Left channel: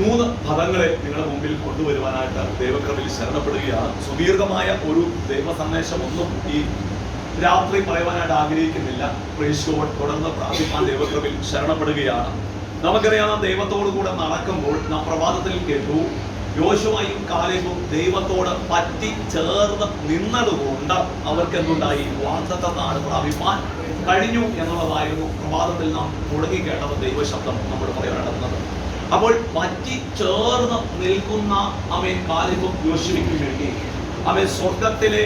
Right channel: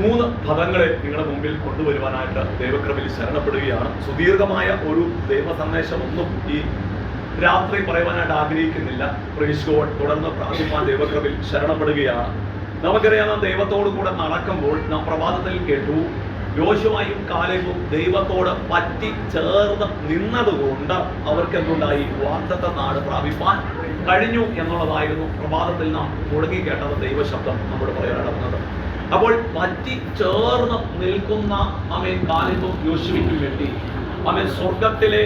3 പദങ്ങളെ നിങ്ങളുടെ മുമ്പിൽ കൊണ്ടുവരുവാനായിട്ട് ദൈവകൃപയിൽ ശരണപ്പെടുകയാണ്. സുദീർഘമായ ഒരു ദൈവ സന്ദേശമൊന്നും ഈ രാത്രി പറയുവാനായിട്ട് ആഗ്രഹിക്കുന്നില്ല. Praise God. തുടർന്ന് പ്രാർത്ഥിപ്പാൻ ദൈവകൃപയിൽ ശരണപ്പെടുകയാണ്. നമുക്കറിയാം, ദൈവത്തോടു കൂടെ നടക്കുമ്പോൾ നാം പ്രഭാതത്തിൽ കേട്ടു, യോശുവയും കാലേബും ദൈവത്തോട് പറ്റി ചേർന്ന് നിന്നതുകൊണ്ട് അവർക്ക് എന്തുണ്ടായി? വാഗ്ദത്ത നാട് പ്രാപിപ്പാൻ കഴിഞ്ഞു എന്നുള്ളതായിരുന്നു പ്രഭാതത്തിൽ നാം മുഴങ്ങി കേട്ടത് ദൈവശബ്ദം നമ്മോട് പറയാനുള്ളത്. അപ്പോൾ പറ്റി ചേർന്ന് നിൽക്കുന്ന കാലേബും യോശുവയ്ക്കും വേണ്ടി സ്വർഗത്തിലെ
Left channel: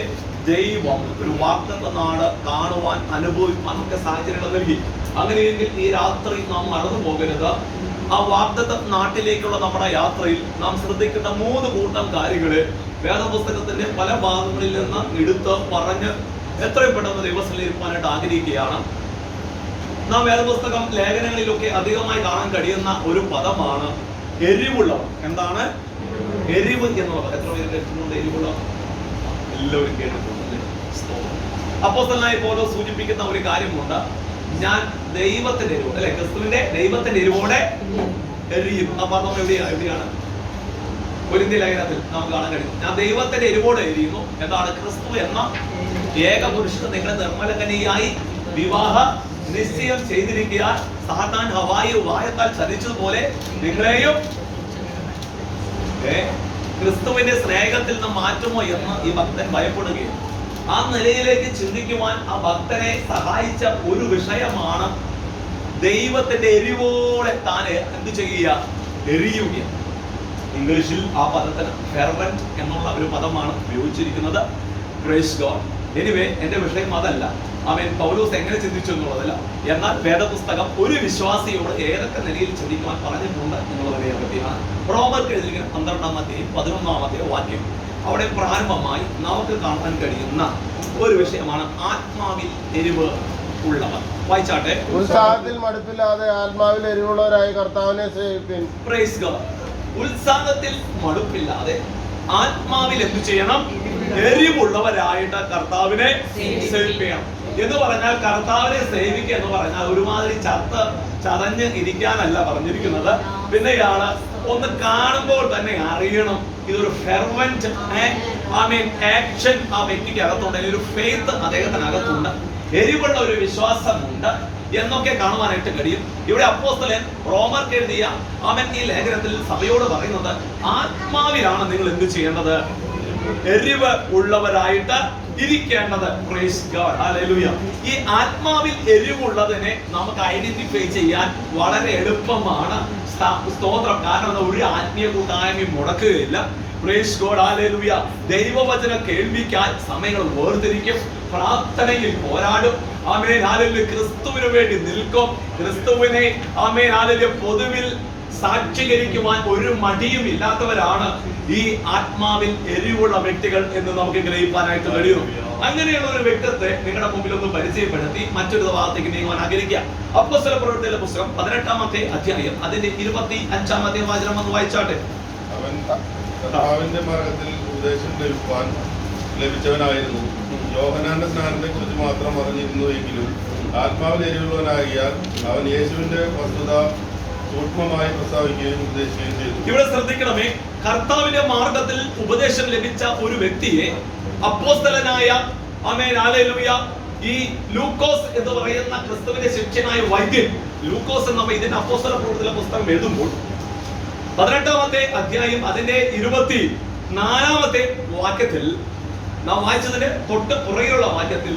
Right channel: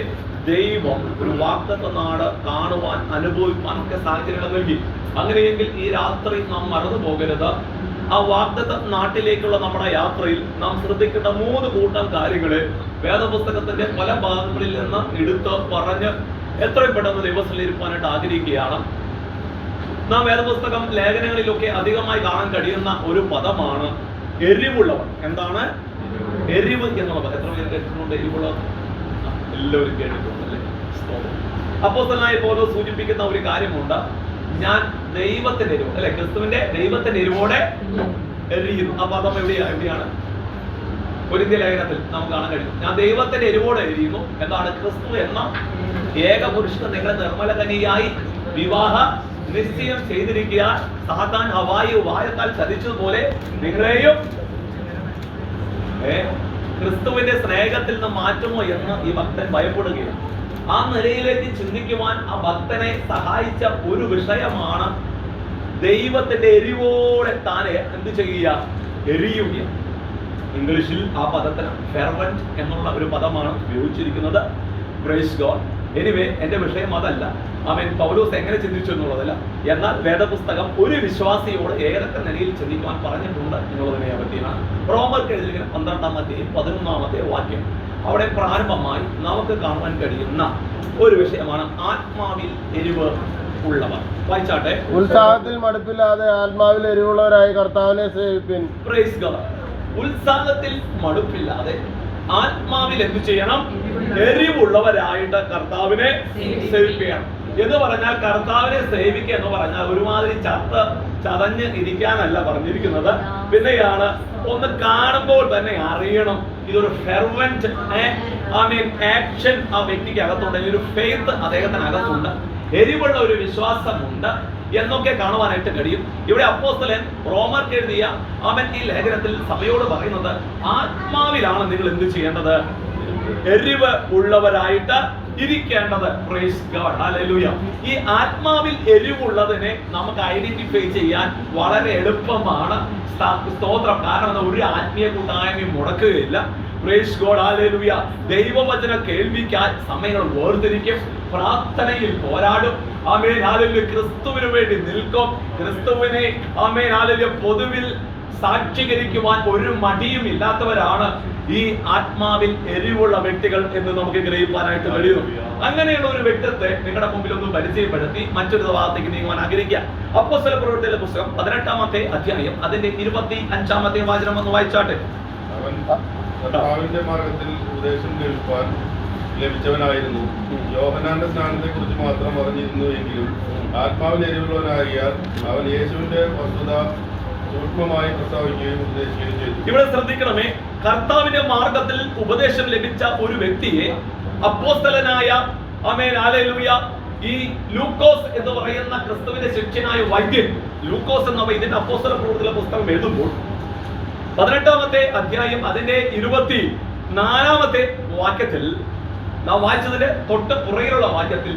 ദൈവം ഒരു വാഗ്ദത്ത നാട് കാണുവാൻ അനുഭവിക്കാൻ ഒക്കെ സാഹചര്യങ്ങൾ നൽകി. അങ്ങനെയെങ്കിൽ ഈ രാത്രി നാം മറന്നു പോകരുത്. ആ വാഗ്ദത്ത നാട്ടിലേക്കുള്ള നമ്മുടെ യാത്രയിൽ നാം ശ്രദ്ധിക്കേണ്ട 3 കൂട്ടം കാര്യങ്ങളെ വേദപുസ്തകത്തിന്റെ പല ഭാഗങ്ങളിൽ നിന്ന് എടുത്ത് പറഞ്ഞ് എത്രയും പെട്ടെന്ന് ദൈവസന്നിധിയിലിരിക്കാനായിട്ട് ആഗ്രഹിക്കുകയാണ്. നാം വേദപുസ്തകം ലേഖനങ്ങളിലൊക്കെ അധികമായി കാണാൻ കഴിയുന്ന ഒരു പദമാണ് എരിവുള്ളവർ. എന്താണ് എരിവ് എന്നുള്ളത്? എത്ര പേര് കേട്ടിട്ടുണ്ട് എരിവുള്ളവർ? എല്ലാവരും കേട്ടിട്ടുണ്ടല്ലേ? അപ്പോസ്തലനായ പൗലോസ് സൂചിപ്പിക്കുന്ന ഒരു കാര്യമുണ്ട്, ഞാൻ ദൈവത്തിന്റെ എരിവ്, അല്ലെ, ക്രിസ്തുവിന്റെ ദൈവത്തിന്റെ എരിവോടെ എരിയുന്നു. ആ പദം എവിടെയാണ്? കൊരിന്ത്യർ ലേഖനത്തിൽ നമുക്ക് കാണാൻ കഴിയും. ഞാൻ ദൈവത്തിന്റെ എരിവോടെ എരിയുന്നു. എന്താണ്? ക്രിസ്തു എന്ന ഏകപുരുഷനെ നിങ്ങളെ നിർമ്മലകനിയായി വിവാഹ നിശ്ചയം ചെയ്തിരിക്കുക. സാത്താൻ ഹവായി വായത്താൽ ചതിച്ചതുപോലെ നിങ്ങളെയും ക്രിസ്തുവിന്റെ സ്നേഹത്തിൽ നിന്ന് മാറ്റുമോ എന്ന് ഈ ഭക്തൻ ഭയപ്പെടുകയാണ്. ആ നിലയിലേക്ക് ചിന്തിക്കുവാൻ ആ ഭക്തനെ സഹായിച്ച ഒരു വിഷയമാണ് ദൈവത്തിന്റെ എരിവോടെ താനെ എന്ത് ചെയ്യുക? എരിയുക. ഇംഗ്ലീഷിൽ ആ പദത്തിന് ഫെർവന്റ് എന്നുള്ള ഒരു പദമാണ് ഉപയോഗിച്ചിരിക്കുന്നത്. Praise God. എനിവേ, എന്റെ വിഷയം അതല്ല. പൗലോസ് എങ്ങനെ ചിന്തിച്ചു എന്നുള്ളതല്ല. എന്നാൽ വേദപുസ്തകം ഒരു വിശ്വാസിയോട് ഏതൊക്കെ നിലയിൽ ചിന്തിക്കുവാൻ പറഞ്ഞിട്ടുണ്ട് എന്നുള്ളതിനെ പറ്റിയാണ്. റോമർക്ക് എഴുതിയ 12-ാം അധ്യായം 11-ാമത്തെ വാക്യം. അവിടെ പ്രാരംഭമായി നമുക്ക് കാണാൻ കഴിയുന്ന ഒരു വിഷയമാണ് ആത്മാവിൽ എരിവ് ഉള്ളവർ. വായിച്ചാട്ടെ. ഉത്സാഹത്തിൽ മടുപ്പില്ലാതെ ആത്മാവിൽ എരിവുള്ളവരായി കർത്താവിനെ സേവിപ്പിൻ. Praise God. ഉത്സാഹത്തിൽ മടുപ്പില്ലാതെ ആത്മാവിൽ എന്ത് ചെയ്യണം? എരിവുള്ളവരായിട്ട് കർത്താവിനെ സേവിക്കണം എന്ന് പറഞ്ഞാൽ, കർത്താവിനെ സേവിക്കുക എന്ന് പറഞ്ഞാൽ ഒരുമാതിരി ചതഞ്ഞ് ഇരിക്കാനല്ല പറഞ്ഞിരിക്കുന്നത്. പിന്നെയാണ് ഒന്ന് കാണുമ്പോൾ തന്നെ അറിയണം ഇതൊരു ഫെർവന്റ് ആക്ഷൻ ആ വ്യക്തിക്ക് അകത്തുണ്ട്, ഒരു ഫെയ്ത്ത് അദ്ദേഹത്തിനകത്തുണ്ട്, എരിവുള്ള ഒരു വിശ്വാസമുണ്ട് എന്നൊക്കെ കാണുവാനായിട്ട് കഴിയും. ഇവിടെ അപ്പോസ്തലൻ റോമർക്ക് എഴുതിയ ഈ ലേഖനത്തിൽ സഭയോട് പറയുന്നത്, ആത്മാവിലാണ് നിങ്ങൾ എന്ത് ചെയ്യേണ്ടത്? എരിവ് ഉള്ളവരായിട്ട് ഇരിക്കേണ്ടത്. Praise God. ഹല്ലേലൂയ. ഈ ആത്മാവിൽ എരിവുള്ളതിനെ നമുക്ക് ഐഡന്റിഫൈ ചെയ്യാൻ വളരെ എളുപ്പമാണ്. സ്തോത്രം. കാരണം ഒരു ആത്മീയ കൂട്ടായ്മയും മുടക്കുകയില്ല. Price God. ഹല്ലേലൂയ. ദൈവവചന കേൾവിക്കാൻ സമയങ്ങൾ വേർതിരിക്കും, പ്രാർത്ഥനയിൽ പോരാടും. ആമേൻ. ഹല്ലേലൂയ. ക്രിസ്തുവിന് വേണ്ടി നിൽക്കും. ക്രിസ്തുവിനെ ആമേൻ ഹല്ലേലൂയ പൊതുവിൽ സാക്ഷീകരിക്കുവാൻ ഒരു മടിയും ഇല്ലാത്തവരാണ് ഈ ആത്മാവിൽ എരിവുള്ള വ്യക്തികൾ എന്ന് നമുക്ക് ഗ്രഹിക്കാനായിട്ട് കഴിയും. അങ്ങനെയുള്ള ഒരു വ്യക്തിത്വത്തെ നിങ്ങളുടെ മുമ്പിൽ ഒന്ന് പരിചയപ്പെടുത്തി മറ്റൊരു ഭാഗത്തേക്ക് നീങ്ങുവാൻ ആഗ്രഹിക്കുക. അപ്പോസ്തല പ്രവൃത്തികളുടെ പുസ്തകം 18-ാമത്തെ അധ്യായം അതിന്റെ 25-ാമത്തെ വചനം ഒന്ന് വായിച്ചാട്ടെ. അവൻ കർത്താവിന്റെ മാർഗ്ഗത്തിൽ ഉപദേശം കേൾപ്പാൻ ലഭിച്ചവനായിരുന്നു. യോഹന്നാന്റെ സ്നാനത്തെ കുറിച്ച് മാത്രം അറിഞ്ഞിരുന്നു എങ്കിലും ആത്മാവിൽ എരിവുള്ളവനാകിയാൽ അവൻ യേശുവിന്റെ വസ്തുത സൂക്ഷ്മമായി പ്രസ്താവിക്കുകയും ഉപദേശിക്കുകയും ചെയ്തു. ഇവിടെ ശ്രദ്ധിക്കണമേ, കർത്താവിന്റെ മാർഗത്തിൽ ഉപദേശം ലഭിച്ച ഒരു വ്യക്തിയെ അപ്പോസ്തലനായ ഈ ലൂക്കോസ് എന്ന് പറയുന്ന ക്രിസ്തുവിന്റെ ശിഷ്യനായ വൈദ്യൻ, ലൂക്കോസ് എന്ന വൈദ്യൻ അപ്പോസ്തല പ്രവൃത്തികളുടെ പുസ്തകം എഴുതുമ്പോൾ 18-ാമത്തെ അധ്യായം അതിന്റെ 24-ാമത്തെ വാക്യത്തിൽ നാം വായിച്ചതിന്റെ തൊട്ട് പുറകിലുള്ള വാക്യത്തിൽ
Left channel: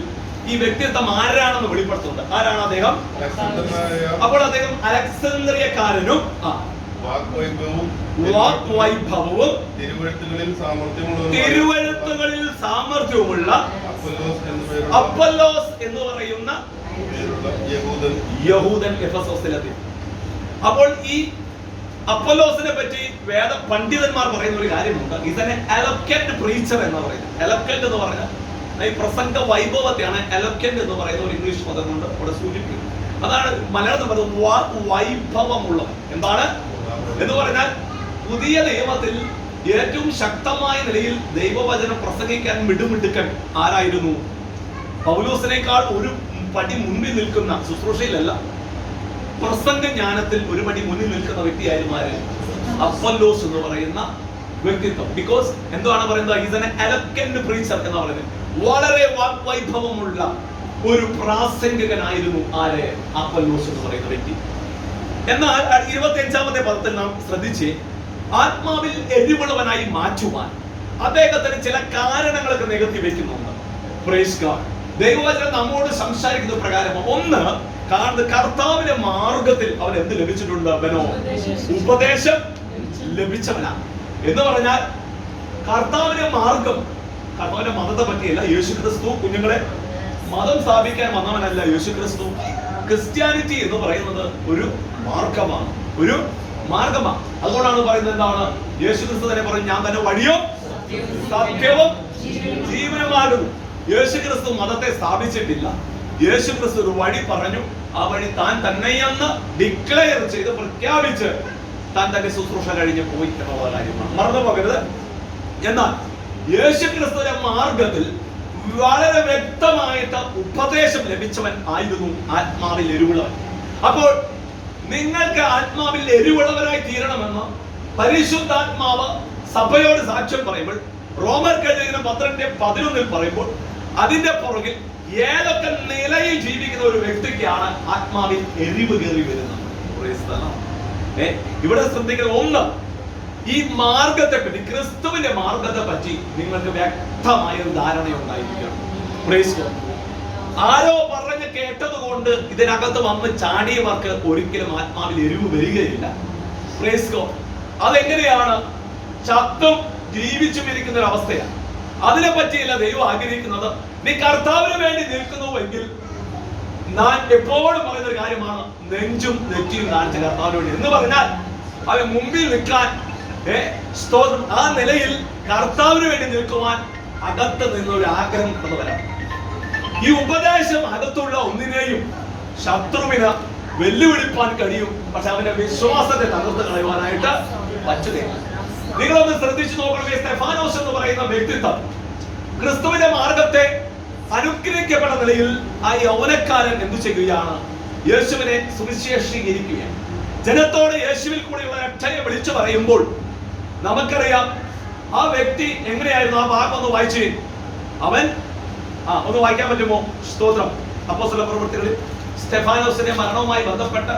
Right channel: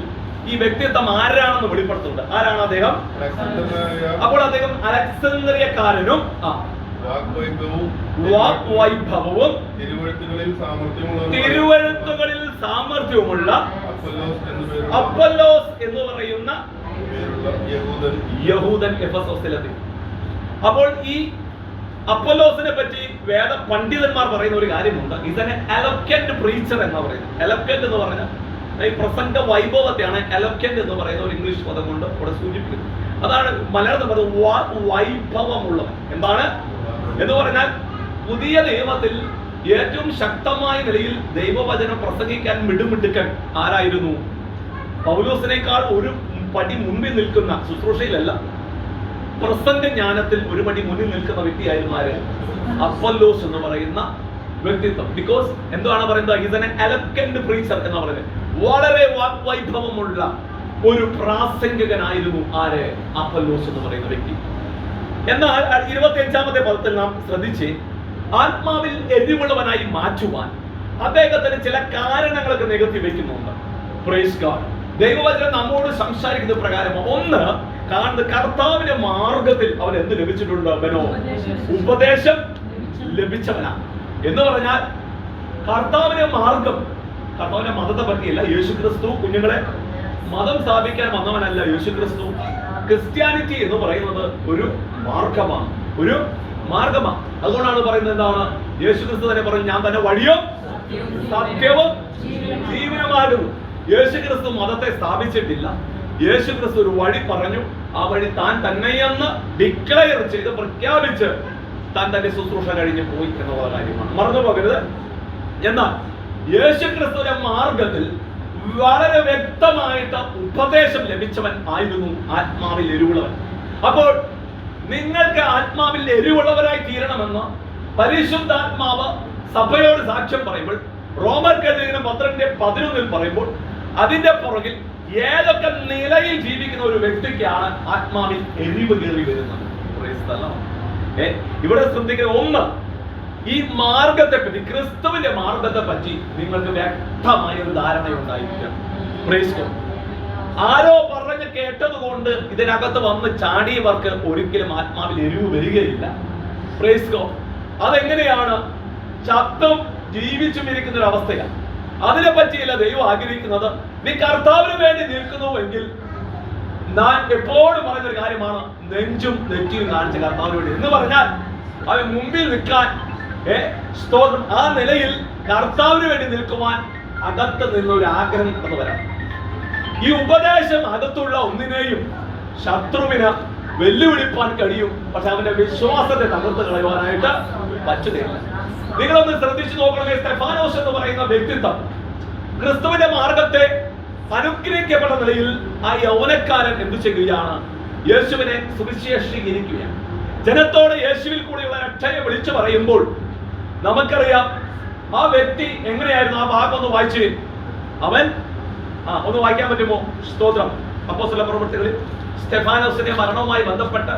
ഈ വ്യക്തിത്വം ആരാണെന്ന് വെളിപ്പെടുത്തുന്നുണ്ട്. ആരാണ് അദ്ദേഹം? അപ്പോൾ അദ്ദേഹം അലക്സാന്ദ്രിയക്കാരനും വാഗ്വൈഭവവും തിരുവഴുത്തുകളിൽ സാമർഥ്യവുമുള്ള അപ്പൊല്ലോസ് എന്ന് പറയുന്ന യഹൂദൻ എഫെസോസിലെത്തി. അപ്പോൾ ഈ അപ്പൊല്ലോസിനെ പറ്റി വേദ പണ്ഡിതന്മാർ പറയുന്ന ഒരു കാര്യമുണ്ട്. ഇതിനെ എലോക്വന്റ് പ്രീച്ചർ എന്ന് പറയുന്നത്. എലോക്വന്റ് എന്ന് പറഞ്ഞാൽ ഈ പ്രസംഗ വൈഭവത്തെയാണ് എലോക്വന്റ് എന്ന് പറയുന്ന ഒരു ഇംഗ്ലീഷ് പദം കൊണ്ട് ഇവിടെ സൂചിപ്പിക്കുന്നത്. അതാണ് മലയാളത്തിൽ പറയുന്നത് വൈഭവമുള്ളത്. എന്താണ് എന്ന് പറഞ്ഞാൽ, പുതിയ നിയമത്തിൽ ഏറ്റവും ശക്തമായ നിലയിൽ ദൈവവചനം പ്രസംഗിക്കാൻ മിടുമിടുക്കൻ ആരായിരുന്നു? പൗലോസിനേക്കാൾ ഒരു പടി മുന്നിൽ നിൽക്കുന്ന, ശുശ്രൂഷയിലല്ല പ്രസംഗ ജ്ഞാനത്തിൽ ഒരു പടി മുന്നിൽ നിൽക്കുന്ന വ്യക്തിയായിരുന്നു ആര്? അപ്പൊല്ലോസ് എന്ന് പറയുന്ന വ്യക്തിത്വം. ബിക്കോസ് എന്താണ് പറയുന്നത്? ഈസ് ആൻ എലഗന്റ് പ്രീച്ചർ എന്ന് പറയുന്നത്. വളരെ വാഗ്വൈഭവമുള്ള ഒരു പ്രാസംഗികനായിരുന്നു ആരെ? അപ്പൊല്ലോസ് എന്ന് പറയുന്ന വ്യക്തി. എന്നാൽ 25-ാമത്തെ പദത്തിൽ നാം ശ്രദ്ധിച്ച്, ആത്മാവിൽ എരിവുള്ളവനായി മാറ്റുവാൻ അദ്ദേഹത്തിന് ചില കാരണങ്ങളൊക്കെ നികത്തി വെക്കുന്നുണ്ട്. Praise God. ദൈവവചനം നമ്മോട് സംസാരിക്കുന്ന പ്രകാരം ഒന്ന് കാണുന്നത്, കർത്താവിന്റെ മാർഗത്തിൽ അവൻ എന്ത് ലഭിച്ചിട്ടുണ്ട്? അവനോ ഉപദേശം ലഭിച്ചവനാണ് എന്ന് പറഞ്ഞാൽ കർത്താവിന്റെ മാർഗം, കർത്താവിന്റെ മതത്തെ പറ്റിയല്ല. യേശുക്രിസ്തു കുഞ്ഞുങ്ങളെ മതം സ്ഥാപിക്കാൻ വന്നവനല്ല യേശുക്രിസ്തു. ക്രിസ്ത്യാനിറ്റി എന്ന് പറയുന്നത് ഒരു മാർഗമാണ്, ഒരു മാർഗമാണ്. അതുകൊണ്ടാണ് പറയുന്നത് എന്താണ്? യേശുക്രിസ്തു തന്നെ പറഞ്ഞു, ഞാൻ തന്നെ വഴിയും സത്യവും ജീവനുമാകുന്നു. യേശുക്രിസ്തു മതത്തെ സ്ഥാപിച്ചിട്ടില്ല. യേശുക്രിസ്തു ഒരു വഴി പറഞ്ഞു, ആ വഴി താൻ തന്നെയെന്ന് ഡിക്ലെയർ ചെയ്ത് പ്രഖ്യാപിച്ച് താൻ തന്റെ ശുശ്രൂഷ കഴിഞ്ഞ് പോയി എന്നുള്ള കാര്യമാണ്, മറന്നു പോകരുത്. എന്നാൽ യേശുക്രിസ്തുവിന്റെ മാർഗത്തിൽ വളരെ വ്യക്തമായിട്ട് ഉപദേശം ലഭിച്ചവൻ ആയിരുന്നു ആത്മാവിൽ എരിവുള്ളവൻ. അപ്പോൾ നിങ്ങൾക്ക് ആത്മാവിൽ എരിവുള്ളവരായി തീരണമെന്ന് പരിശുദ്ധാത്മാവ് സഭയോട് സാക്ഷ്യം പറയുമ്പോൾ, റോമർക്കെഴുതിയ 12:11 പറയുമ്പോൾ, അതിന്റെ പുറകിൽ ഏതൊക്കെ നിലയിൽ ജീവിക്കുന്ന ഒരു വ്യക്തിക്കാണ് ആത്മാവിൽ എരിവ് കയറി വരുന്നത്? ഇവിടെ ശ്രദ്ധിക്കുന്ന ഒന്ന്, ഈ മാർഗത്തെ പറ്റി, ക്രിസ്തുവിന്റെ മാർഗത്തെ പറ്റി നിങ്ങൾക്ക് വ്യക്തമായ ഒരു ധാരണയുണ്ടായിരിക്കണം. ആരോ പറഞ്ഞ് കേട്ടതുകൊണ്ട് ഇതിനകത്ത് വന്ന് ചാടിയവർക്ക് ഒരിക്കലും ആത്മാവിൽ എരിവ് വരികയില്ല. Praise God. അതെങ്ങനെയാണ്? ചത്തും ജീവിച്ചും ഇരിക്കുന്ന ഒരു അവസ്ഥയാണ്. അതിനെ പറ്റിയല്ല ദൈവം ആഗ്രഹിക്കുന്നത്. നീ കർത്താവിന് വേണ്ടി നിൽക്കുന്നുവെങ്കിൽ, ഞാൻ എപ്പോഴും പറയുന്ന ഒരു കാര്യമാണ്, നെഞ്ചും നെറ്റിയും കാണിച്ച കർത്താവിന് വേണ്ടി എന്ന് പറഞ്ഞാൽ അവൻ മുമ്പിൽ നിൽക്കാൻ, സ്തോത്രം, ആ നിലയിൽ കർത്താവിന് വേണ്ടി നിൽക്കുവാൻ അകത്ത് നിന്നൊരു ആഗ്രഹം കടന്നു വരാം. ഈ ഉപദേശം അകത്തുള്ള ഒന്നിനെയും ശത്രുവിന് വെല്ലുവിളിപ്പാൻ കഴിയും, പക്ഷെ അവന്റെ വിശ്വാസത്തെ തകർത്ത് കളയുവാനായിട്ട് പറ്റുകയില്ല. നിങ്ങളൊന്ന് ശ്രദ്ധിച്ചു നോക്കണമേ. സ്തെഫാനോസ് എന്ന് പറയുന്ന വ്യക്തിത്വം ക്രിസ്തുവിന്റെ മാർഗത്തെ അനുഗ്രഹിക്കപ്പെട്ട നിലയിൽ ആ യൗവനക്കാരൻ എന്തു ചെയ്യുകയാണ്? യേശുവിനെ സുവിശേഷീകരിക്കുകയാണ്. ജനത്തോട് യേശുവിൽ കൂടെയുള്ള രക്ഷയെ വിളിച്ചു പറയുമ്പോൾ നമുക്കറിയാം ആ വ്യക്തി എങ്ങനെയായിരുന്നു. ആ ഭാഗം ഒന്ന് വായിച്ചു. അവൻ ഒന്ന് വായിക്കാൻ പറ്റുമോ? സ്തോത്രം. അപ്പോസ്തല പ്രവൃത്തികളിൽ സ്തെഫാനോസിന്റെ മരണവുമായി ബന്ധപ്പെട്ട്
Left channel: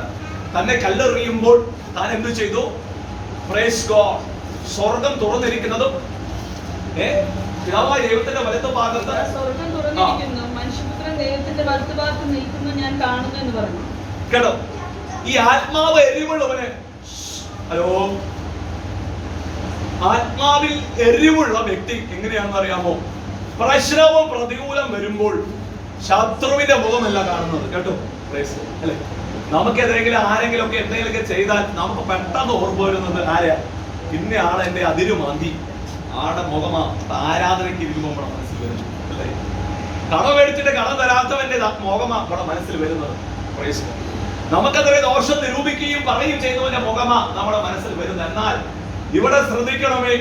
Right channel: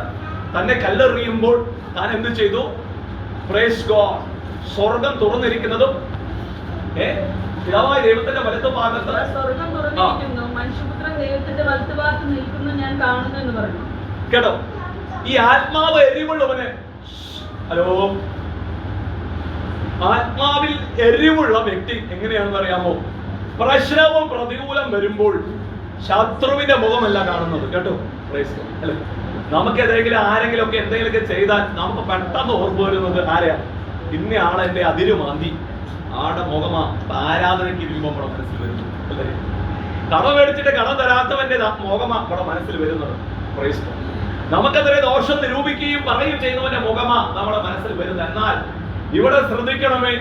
തന്നെ കല്ലെറിയുമ്പോൾ താൻ എന്ത് ചെയ്തു? Praise God. സ്വർഗം തുറന്നിരിക്കുന്നതും പിതാവായ ദൈവത്തിന്റെ വലത്ത് ഭാഗത്ത് സ്വർഗം തുറന്നിരിക്കുന്നു, മനുഷ്യപുത്രൻ ദൈവത്തിന്റെ വലത്തുഭാഗത്ത് നിൽക്കുന്നു ഞാൻ കാണുന്നു എന്ന് പറഞ്ഞു. കേട്ടോ, ഈ ആത്മാവ് എരിവുള്ളവന്, ഹലോ, ആത്മാവിൽ എരിവുള്ള വ്യക്തി എങ്ങനെയാണെന്ന് അറിയാമോ? പ്രശ്നവും പ്രതികൂലം വരുമ്പോൾ ശത്രുവിന്റെ മുഖമല്ല കാണുന്നത്. കേട്ടോ, അല്ലെ? നമുക്ക് ആരെങ്കിലും ഒക്കെ എന്തെങ്കിലുമൊക്കെ ചെയ്താൽ നമുക്ക് പെട്ടെന്ന് ഓർമ്മ വരുന്നത് ആരെയാ? പിന്നെ ആളെ എന്റെ അതിരുമാന്തി ആടെ മുഖമാ ആരാധനയ്ക്ക് ഇരിക്കുമ്പോൾ നമ്മുടെ മനസ്സിൽ വരുന്നു, അല്ലേ? കടം മേടിച്ചിട്ട് കടം തരാത്തവന്റെ മുഖമാ നമ്മുടെ മനസ്സിൽ വരുന്നത്. നമുക്കത്രേ ദോഷം നിരൂപിക്കുകയും പറയുകയും ചെയ്യുന്നവന്റെ മുഖമാ നമ്മുടെ മനസ്സിൽ വരുന്നത്. എന്നാൽ ഇവിടെ ശ്രദ്ധിക്കണമേ,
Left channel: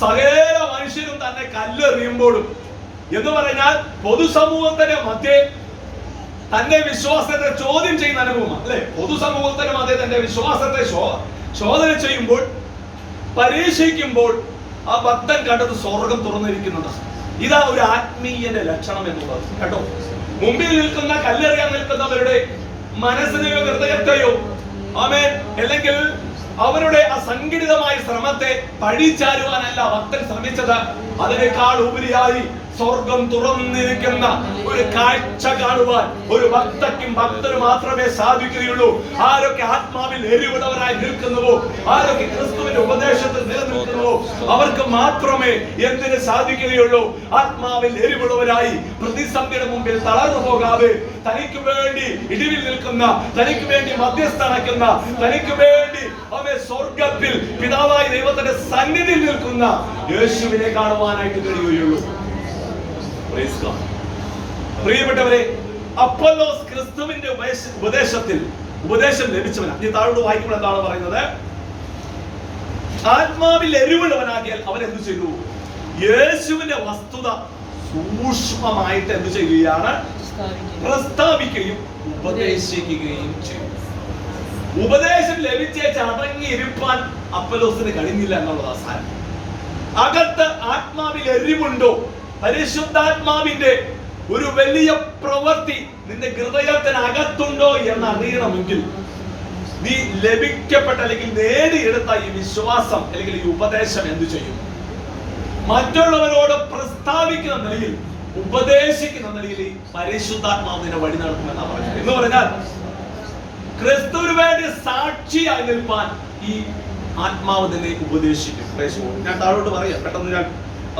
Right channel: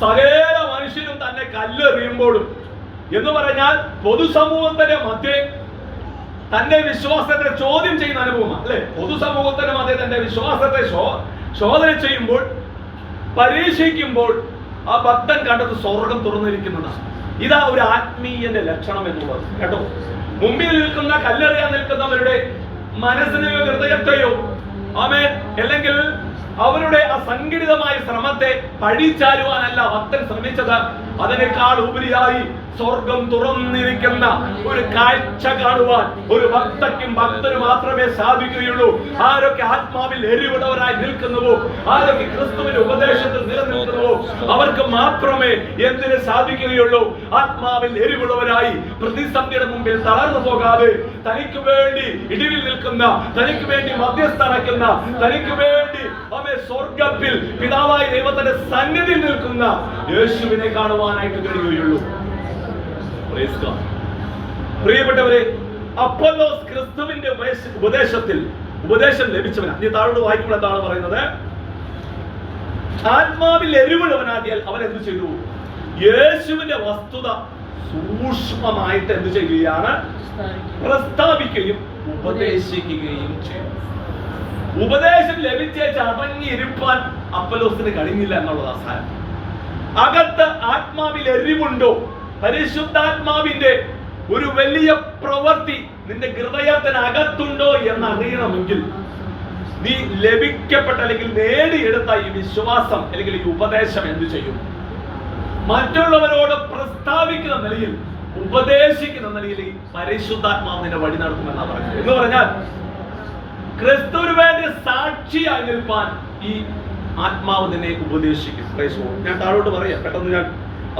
സകല മനുഷ്യരും തന്നെ കല്ലെറിയുമ്പോഴും എന്ന് പറഞ്ഞാൽ പൊതുസമൂഹത്തിന്റെ മധ്യേ തന്റെ വിശ്വാസത്തെ ചോദ്യം ചെയ്യുന്ന അനുഭവമാണ്, അല്ലെ? പൊതുസമൂഹത്തിന്റെ മധ്യേ തന്റെ വിശ്വാസത്തെ ചോദന ചെയ്യുമ്പോൾ, പരീക്ഷിക്കുമ്പോൾ ആ ഭക്തൻ കണ്ടത് സ്വർഗം തുറന്നിരിക്കുന്നതാണ്. ഇതാ ഒരു ആത്മീയന്റെ ലക്ഷണം എന്നുള്ളത്. കേട്ടോ, മുമ്പിൽ നിൽക്കുന്ന കല്ലെറിയാൻ നിൽക്കുന്നവരുടെ മനസ്സിനെയോ ഹൃദയത്തെയോ ആമേൻ അല്ലെങ്കിൽ അവരുടെ അസംഘടിതമായ ശ്രമത്തെ പഴിച്ചാരുവാനല്ല ഭക്തൻ ശ്രമിച്ചത്. അതിനേക്കാൾ ഉപരിയായി സ്വർഗം തുറന്നിരിക്കുന്ന ഒരു കാഴ്ച കാണുവാൻ ഒരു ഭക്തയ്ക്കും ഭക്തന് മാത്രമേ സാധിക്കുകയുള്ളൂ. ആരൊക്കെ ആത്മാവിൽ എരിവുള്ളവരായി നിൽക്കുന്നുവോ, ആരൊക്കെ ക്രിസ്തുവിന്റെ ഉപദേശത്തിൽ നിലനിൽക്കുന്നുവോ, അവർക്ക് മാത്രമേ എന്തിന് സാധിക്കുകയുള്ളൂ? ആത്മാവിൽ എരിവുള്ളവരായി പ്രതിസന്ധിയുടെ മുമ്പിൽ തളർന്നു പോകാതെ തനിക്ക് വേണ്ടി ഇടിവിൽ നിൽക്കുന്ന, തനിക്ക് വേണ്ടി മധ്യസ്ഥനക്കുന്ന, തനിക്ക് വേണ്ടി അവൻ സ്വർഗത്തിൽ പിതാവായ ദൈവത്തിന്റെ സന്നിധിയിൽ നിൽക്കുന്ന യേശുവിനെ കാണുവാനായിട്ട് കഴിയുകയുള്ളൂ. പ്രിയപ്പെട്ടവരെ, അപ്പൊല്ലോസ് ക്രിസ്തുവിന്റെ ഉപദേശത്തിൽ ഉപദേശം ലഭിച്ചവനാണ്. ഈ താഴോട്ട് വായിക്കുമ്പോൾ എന്താണ് പറയുന്നത്? ആത്മാവിൽ എരിവുള്ളവനാകിയാൽ അവൻ എന്ത് ചെയ്തു? യേശുവിന്റെ വസ്തുത സൂക്ഷ്മമായിട്ട് എന്ത് ചെയ്യുകയാണ്? പ്രസ്താവിക്കുകയും ഉപദേശിക്കുകയും ചെയ്തു. ഉപദേശം ലഭിച്ചേച്ച് അടങ്ങിയിരിപ്പാൻ അപ്പൊല്ലോസിന് കഴിഞ്ഞില്ല എന്നുള്ളതാ സാരം. അകത്ത് ആത്മാവിൽ എരിവുണ്ടോ, പരിശുദ്ധാത്മാവിന്റെ ഒരു വലിയ പ്രവൃത്തി നിന്റെ ഹൃദയത്തിനകത്തുണ്ടോ എന്ന് അറിയണമെങ്കിൽ നീ ലഭിക്കപ്പെട്ട അല്ലെങ്കിൽ നേടിയെടുത്ത ഈ വിശ്വാസം അല്ലെങ്കിൽ ഈ ഉപദേശം എന്ത് ചെയ്യും? മറ്റുള്ളവരോട് പ്രസ്താവിക്കുന്ന നിലയിൽ, ഉപദേശിക്കുന്ന നിലയിൽ ഈ പരിശുദ്ധാത്മാവ് നിന്നെ വഴി നടത്തുമെന്നാണ് പറഞ്ഞത്. എന്ന് പറഞ്ഞാൽ ക്രിസ്തുവിന് വേണ്ടി സാക്ഷിയായി നിൽപ്പാൻ ഈ ആത്മാവ് തന്നെ ഉപദേശിക്കും. ഞാൻ താഴോട്ട് പറയാം, പെട്ടെന്ന് ഞാൻ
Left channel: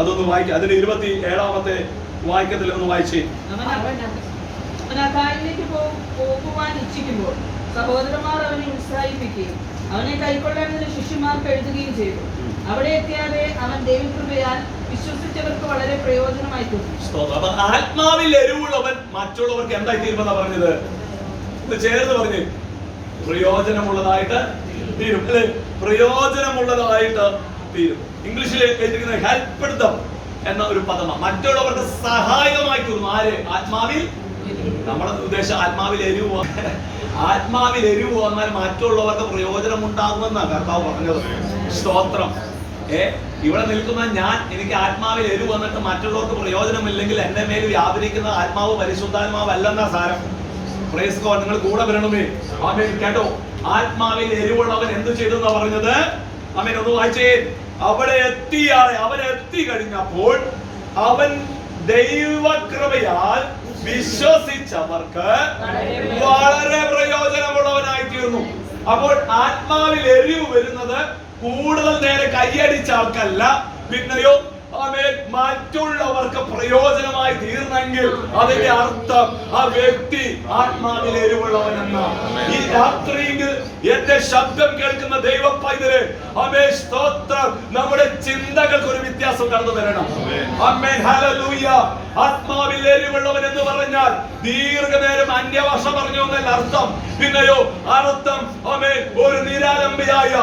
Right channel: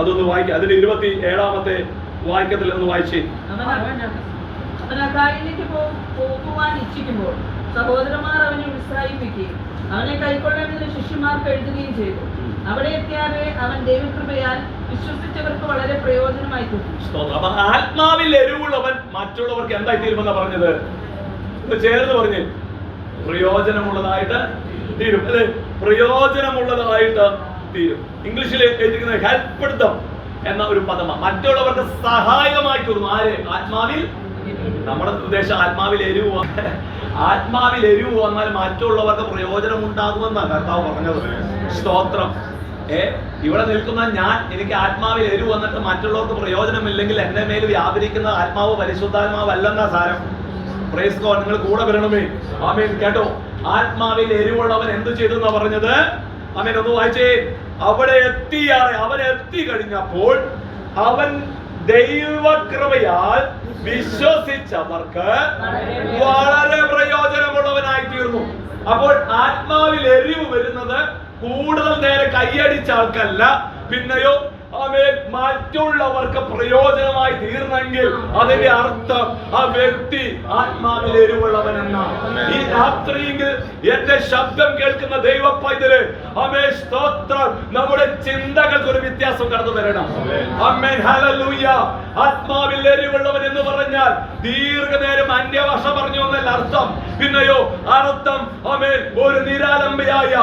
അതൊന്ന് വായിക്കാം. അതിന്റെ 27-ാമത്തെ വാക്യത്തിൽ ഒന്ന് വായിച്ചേ. അവൻ അഖായിലേക്ക് പോകുവാൻ ഇച്ഛിക്കുമ്പോൾ സഹോദരന്മാർ അവനെ ഉത്സാഹിപ്പിക്കുകയും അവനെ കൈക്കൊള്ളേണ്ടതിന് ശിഷ്യന്മാർക്ക് എഴുതുകയും ചെയ്തു. അവിടെ എത്തിയാതെ അവൻ ദൈവകൃപയാൽ വിശ്വസിച്ചവർക്ക് വളരെ പ്രയോജനമായി തീർന്നു. അപ്പൊ ആത്മാവിൽ എരിവുള്ളവൻ മറ്റുള്ളവർക്ക് എന്തായി തീരുമെന്നാ പറഞ്ഞത്? ഇത് ചേർന്ന് പറഞ്ഞ് പ്രയോജനമുള്ളതായിട്ട് തീരും, അല്ലെ? പ്രയോജനമുള്ളതായിട്ട് തീരും. ഇംഗ്ലീഷിൽ എഴുതിയിരിക്കുന്ന ഹെൽപ്പ് ദം എന്ന ഒരു പദമാണ്. മറ്റുള്ളവർക്ക് സഹായകമായി തീർന്നു. ആര്? ആത്മാവിൽ. നമ്മുടെ ഉദ്ദേശം ആത്മാവിൽ എരിവ്, ആത്മാവിൽ എരിവ് വന്നാൽ മറ്റുള്ളവർക്ക് പ്രയോജനം ഉണ്ടാകുമെന്നാണ് കർത്താവ് പറഞ്ഞത്. സ്തോത്രം. ഇവിടെ നിൽക്കുന്ന ഞാൻ, എനിക്ക് ആത്മാവിൽ എരിവ് വന്നിട്ട് മറ്റുള്ളവർക്ക് പ്രയോജനമില്ലെങ്കിൽ എന്റെ മേൽ വ്യാപരിക്കുന്ന ആത്മാവ് പരിശുദ്ധാത്മാവ് അല്ലെന്നാ സാരം. Praise God. നിങ്ങൾ കൂടെ വരണമേ. ആമേൻ. കേട്ടോ, ആത്മാവിൽ എരിവുള്ളവൻ എന്ത് ചെയ്തു എന്നാ പറഞ്ഞത്? ആമേൻ. ഒന്ന് വായിച്ചേ. അവിടെ എത്തിയാറെ, അവൻ എത്തി കഴിഞ്ഞപ്പോൾ അവൻ ദൈവകൃപയാൽ വിശ്വസിച്ചവർക്ക് വളരെ പ്രയോജനമുള്ളവനായി തീർന്നു. അപ്പോൾ ആത്മാവിൽ എരിവ് വരുന്നത് കൂടുതൽ നേരെ കൈയടിച്ച ആൾക്കല്ല, പിന്നെയോ മറ്റുള്ളവർക്ക് പ്രയോജനമായി തീർന്നെങ്കിൽ അതിന്റെ അർത്ഥം ആ വ്യക്തി ആത്മാവിൽ എരിവുള്ളവൻ എന്നാണ്. ഈ രാത്രിയിൽ എന്റെ ശബ്ദം കേൾക്കുന്ന ദൈവ പൈതല്, സ്തോത്രം, നമ്മുടെ ചിന്തകൾക്ക് ഒരു വ്യത്യാസം കടന്നു തരണം. ആമേൻ. ഹല്ലേലൂയ. ആത്മാവിൽ എരിവുള്ളവൻ എന്ന് പറഞ്ഞാൽ ദീർഘനേരം അന്യഭാഷ പറഞ്ഞു എന്നല്ല അർത്ഥം. പിന്നെയോ അർത്ഥം ഒരു നിരാലംബയായ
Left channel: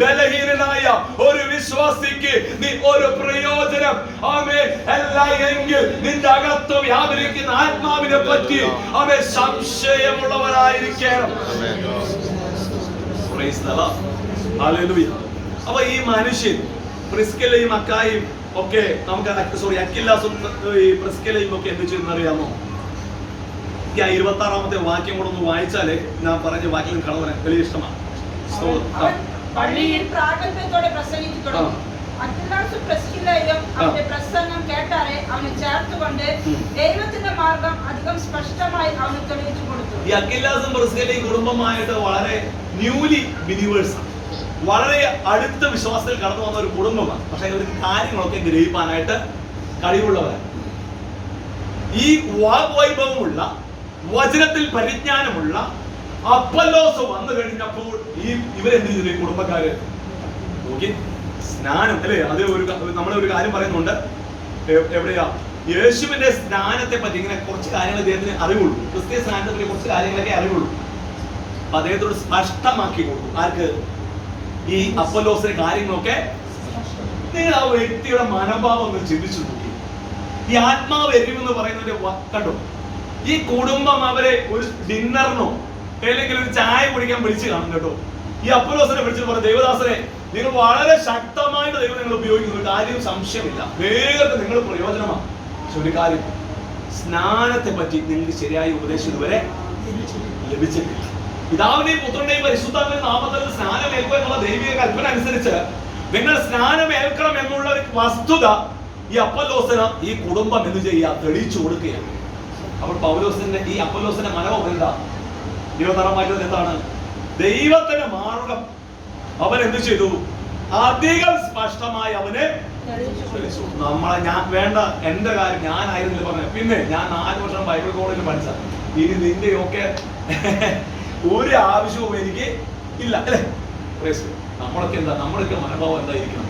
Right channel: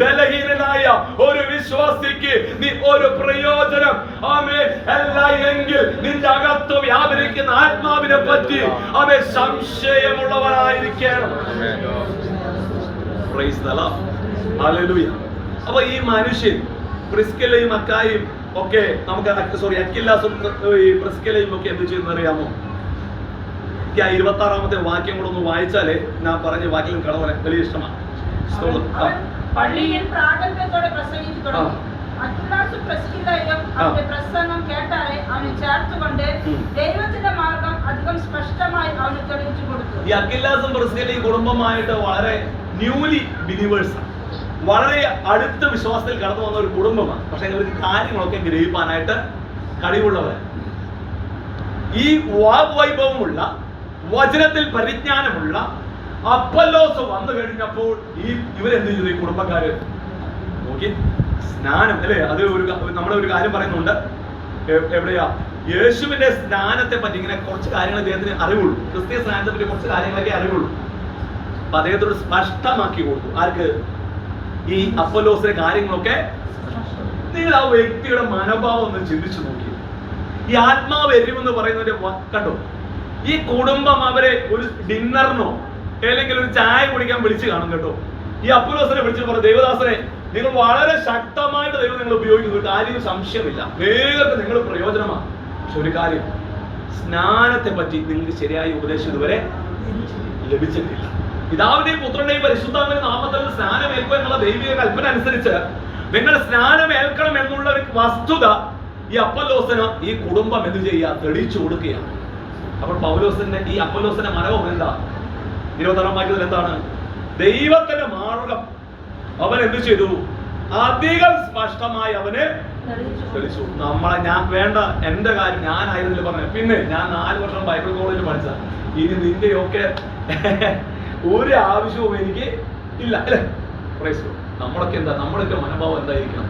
ബലഹീനനായ ഒരു വിശ്വാസിക്ക് നീ ഒരു പ്രയോജനം അല്ല എങ്കിൽ നിന്റെ അകത്ത് വ്യാപരിക്കുന്ന ആത്മാവിനെ പറ്റി സംശയമുള്ളവരായിരിക്കണം. അപ്പൊ ഈ മനുഷ്യൻ പ്രിസ്കില്ലയും അക്കായും ഒക്കെ നമുക്ക് അക്കില്ലാസും പ്രിസ്കില്ലയും ഒക്കെ എന്ത് ചെയ്യുന്നറിയാമോ? 26-ാമത്തെ വാക്യം കൂടെ ഒന്ന് വായിച്ചാലേ ഞാൻ പറഞ്ഞ വാക്യം കടവനെ വലിയ ഇഷ്ടമാണ്. പള്ളിയിൽ പ്രാഗൽഭ്യത്തോടെ പ്രസംഗിച്ചു തുടങ്ങി. അക്കില്ലാസും പ്രിസ്കില്ലയും അവന്റെ പ്രസംഗം കേട്ടാറെ അവനെ ചേർത്തുകൊണ്ട് ദൈവത്തിന്റെ മാർഗം അധികം സ്പഷ്ടമായി അവന് തെളിയിച്ചു കൊടുത്തു. ഈ അക്കില്ലാസും പ്രിസ്കില്ലയും കുടുംബമായിട്ട് വളരെ ന്യൂലി ബിലീവേഴ്സ്, വളരെ അടുത്ത വിശ്വാസത്തിൽ കടന്നു വന്ന ഒരു കുടുംബമാണ്. പക്ഷെ ഇവർക്ക് കാര്യങ്ങളൊക്കെ ഗ്രഹിക്കാനായിട്ട് കഴിവുള്ളവരാണ്. ഈ വാഗ്വൈഭവമുള്ള, വചനത്തിൽ പരിജ്ഞാനമുള്ള അപ്പൊല്ലോസ് വന്നു കഴിഞ്ഞപ്പോൾ ഇവരെന്ത് ചെയ്തു? ഈ കുടുംബക്കാര് നോക്കി സ്നാനം, അല്ലെ? അത് നമ്മളൊരു കാര്യം പറയുന്നുണ്ട്. എവിടെയാ? യേശുവിന്റെ സ്നാനത്തെ പറ്റി ഇങ്ങനെ കുറച്ച് കാര്യങ്ങൾ അദ്ദേഹത്തിന് അറിവുള്ളൂ. ക്രിസ്തീയ സ്നാനത്തെ പറ്റി കുറച്ച് കാര്യങ്ങളൊക്കെ അറിവുള്ളൂ. അപ്പൊ അദ്ദേഹത്തോട് സ്പഷ്ടമാക്കി കൊടുത്തു. ആർക്ക്? ഈ അപ്പൊല്ലോസിന്റെ കാര്യങ്ങളൊക്കെ. നിങ്ങൾ ആ വ്യക്തിയുടെ മനോഭാവം ഒന്ന് ചിന്തിച്ചു നോക്കി. ഈ ആത്മാവ് എരിവെന്ന് പറയുന്നതിന്റെ കണ്ടോ? ഈ കുടുംബം അവരെ ഒരു ഡിന്നറിനോ അല്ലെങ്കിൽ ഒരു ചായ കുടിക്കാൻ വിളിച്ചു കാണും കേട്ടോ. ഈ അപ്പൊല്ലോസിനെ വിളിച്ചിട്ട് പറഞ്ഞു, ദൈവദാസനെ, നിങ്ങൾ വളരെ ശക്തമായിട്ട് ദൈവം നിങ്ങൾ ഉപയോഗിക്കുന്ന ഒരു കാര്യം സംശയമില്ല, വേഗത്തിൽ നിങ്ങൾ പ്രയോജനമാണ്. പക്ഷെ ഒരു കാര്യം, സ്നാനത്തെ പറ്റി നിങ്ങൾക്ക് ശരിയായ ഉപദേശം ഇതുവരെ ലഭിച്ചിട്ടില്ല. പിതാവിന്റെയും പുത്രന്റെയും പരിശുദ്ധാത്മാവിന്റെ നാമത്തിൽ സ്നാനം ഏൽക്കുക എന്നുള്ള ദൈവിക കൽപ്പന അനുസരിച്ച് നിങ്ങൾ സ്നാനം ഏൽക്കണം എന്നുള്ള ഒരു വസ്തുത ഈ അപ്പൊല്ലോസിന് ഈ കുടുംബം എന്ത് ചെയ്യുക? തെളിയിച്ചു കൊടുക്കുകയാണ്. അപ്പോൾ പൗലോസിന്റെ ഈ അപ്പൊല്ലോസിന്റെ മനോഭാവം എന്താ? 26-ാം വാക്യത്തിൽ എന്താണ്? ദൈവത്തിന്റെ മാർഗം അവൻ എന്ത് ചെയ്തു? അധികം സ്പഷ്ടമായി അവന് തെളിയിച്ചു. ഞാൻ വേണ്ട, എന്റെ കാര്യം ഞാനായിരുന്നില്ല പറഞ്ഞത്. പിന്നെ ഞാൻ 4 വർഷം ബൈബിൾ കോളേജിൽ പഠിച്ച, ഇനി നിന്റെയൊക്കെ ഒരു ആവശ്യവും എനിക്ക് ഇല്ല, അല്ലെ? നമ്മളൊക്കെ എന്താ? നമ്മളൊക്കെ മനോഭാവം എന്തായിരിക്കണം?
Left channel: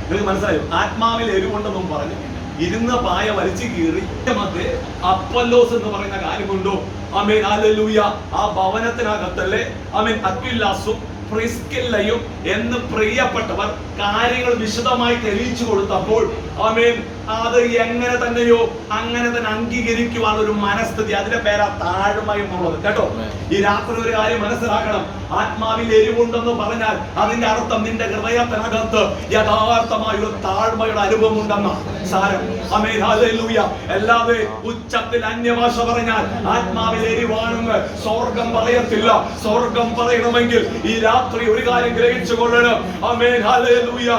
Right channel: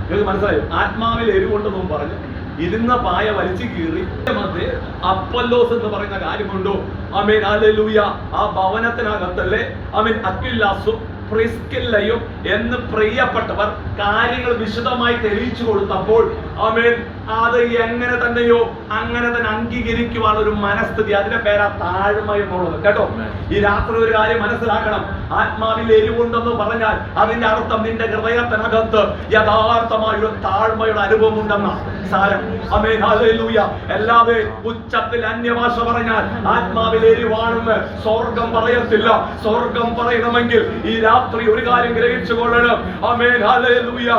നിങ്ങൾക്ക് മനസ്സിലായോ? ആത്മാവിൽ എരിവുണ്ടെന്നും പറഞ്ഞു ഇരുന്ന പായ വലിച്ചു കീറി മധ്യേ അപ്പൊല്ലോസ് എന്ന് പറയുന്ന കാര്യമുണ്ടോ? ആമേൻ. ഹല്ലേലൂയ. ആ ഭവനത്തിനകത്തല്ലേ അക്വിലാസും പ്രിസ്കില്ലയും എന്ന് പ്രിയപ്പെട്ടവർ കാര്യങ്ങൾ വിശദമായി തെളിയിച്ചു കൊടുത്തപ്പോൾ ആമേൻ അത് എങ്ങനെ തന്നെയോ അങ്ങനെ തന്നെ അംഗീകരിക്കുവാൻ ഒരു മനസ്ഥിതി, അതിന്റെ പേരാ താഴ്മ എന്നുള്ളത്. കേട്ടോ, ഈ രാത്രി ഒരു കാര്യം മനസ്സിലാക്കണം. ആത്മാവിൽ എരിവുണ്ടെന്ന് പറഞ്ഞാൽ അതിന്റെ അർത്ഥം നിന്റെ ഹൃദയത്തിനകത്ത് യഥാർത്ഥമായ ഒരു താഴ്മയുടെ അനുഭവം ഉണ്ടെന്ന സാരം. ആമേൻ, ഹല്ലേലൂയ. അല്ലാതെ ഉച്ചത്തിൽ അന്യഭാഷ പറഞ്ഞാൽ ആത്മാവിൽ എരിവാണെന്ന് സ്വർഗം പറയത്തില്ല. സ്വർഗം പറയണമെങ്കിൽ ഈ രാത്രി ഒരു കാര്യം ഗ്രഹിച്ചു കൊള്ളണം. ആമേൻ, ഹല്ലേലൂയ.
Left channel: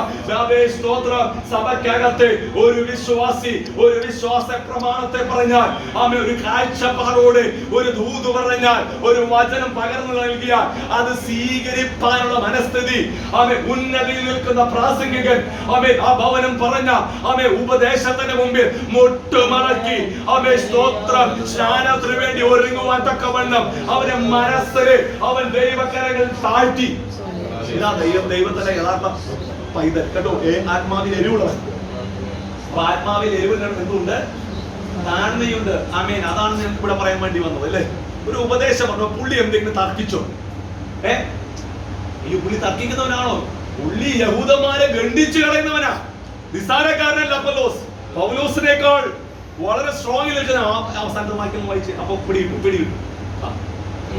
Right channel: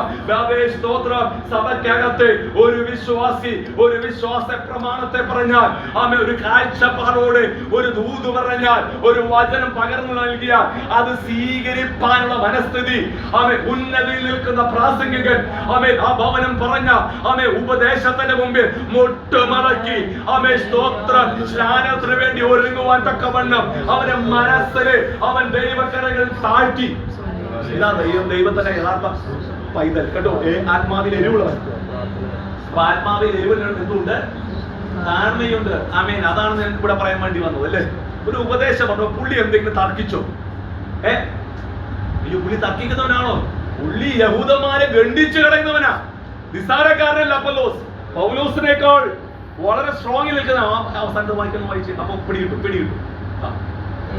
സ്തോത്രം. സഭയ്ക്കകത്ത് ഒരു വിശ്വാസി ഒരു വിശ്വാസ പ്രമാണത്തെ പറഞ്ഞാൽ, ആമേൻ, ഒരു കാഴ്ചപ്പാടോട് ഒരു ദൂത് പറഞ്ഞാൽ, ഒരു വചനം പകർന്നു നൽകിയാൽ അത് സ്വീകരിപ്പാനുള്ള മനസ്ഥിതി, ആമേൻ, ഉന്നതിയിൽ നിൽക്കുന്ന പ്രാസംഗികൻ, ആമേൻ, ആ ഭവനം പറഞ്ഞ, ആമേൻ, ഉപദേശത്തിന്റെ മുമ്പിൽ മുട്ടുമടക്കി, ആമേൻ, സ്തോത്രം, സ്നാനത്തിന് വേണ്ടി ഒരുങ്ങുവാൻ തക്കവണ്ണം അവന്റെ മനസ്സില് അവൻ ദൈവകരങ്ങൾ താഴ്ത്തി. ഇതാ ദൈവത്തിന്റെ യഥാർത്ഥ പൈതൽ. കേട്ടോ, ആത്മാവിൽ എരിവുള്ളവൻ. അപ്പൊ ആത്മാവിൽ എരിവിൽ എന്തുണ്ട്? താഴ്മയുണ്ട്. ആമേൻ, അതാണ് ഞങ്ങൾക്ക് ഇവിടെ പറയാൻ വേണ്ടി വന്നത്, അല്ലേ? ഒരു ഉപദേശം വന്നു, പുള്ളി എന്തെങ്കിലും തർക്കിച്ചോ? ഈ പുള്ളി തർക്കിക്കുന്നവനാണോ? പുള്ളി യഹൂദന്മാരെ ഗണ്ഡിച്ചു കളയുന്നവനാ. നിസ്സാരക്കാരനല്ല അപ്പൊല്ലോസ്. പൗലോസിനേക്കാൾ വളരെ സ്ട്രോങ്ങിൽ നിൽക്കുന്ന അവസാനത്തെ വാക്യം വായിച്ച് അപ്പൊ പിടികിട്ടും.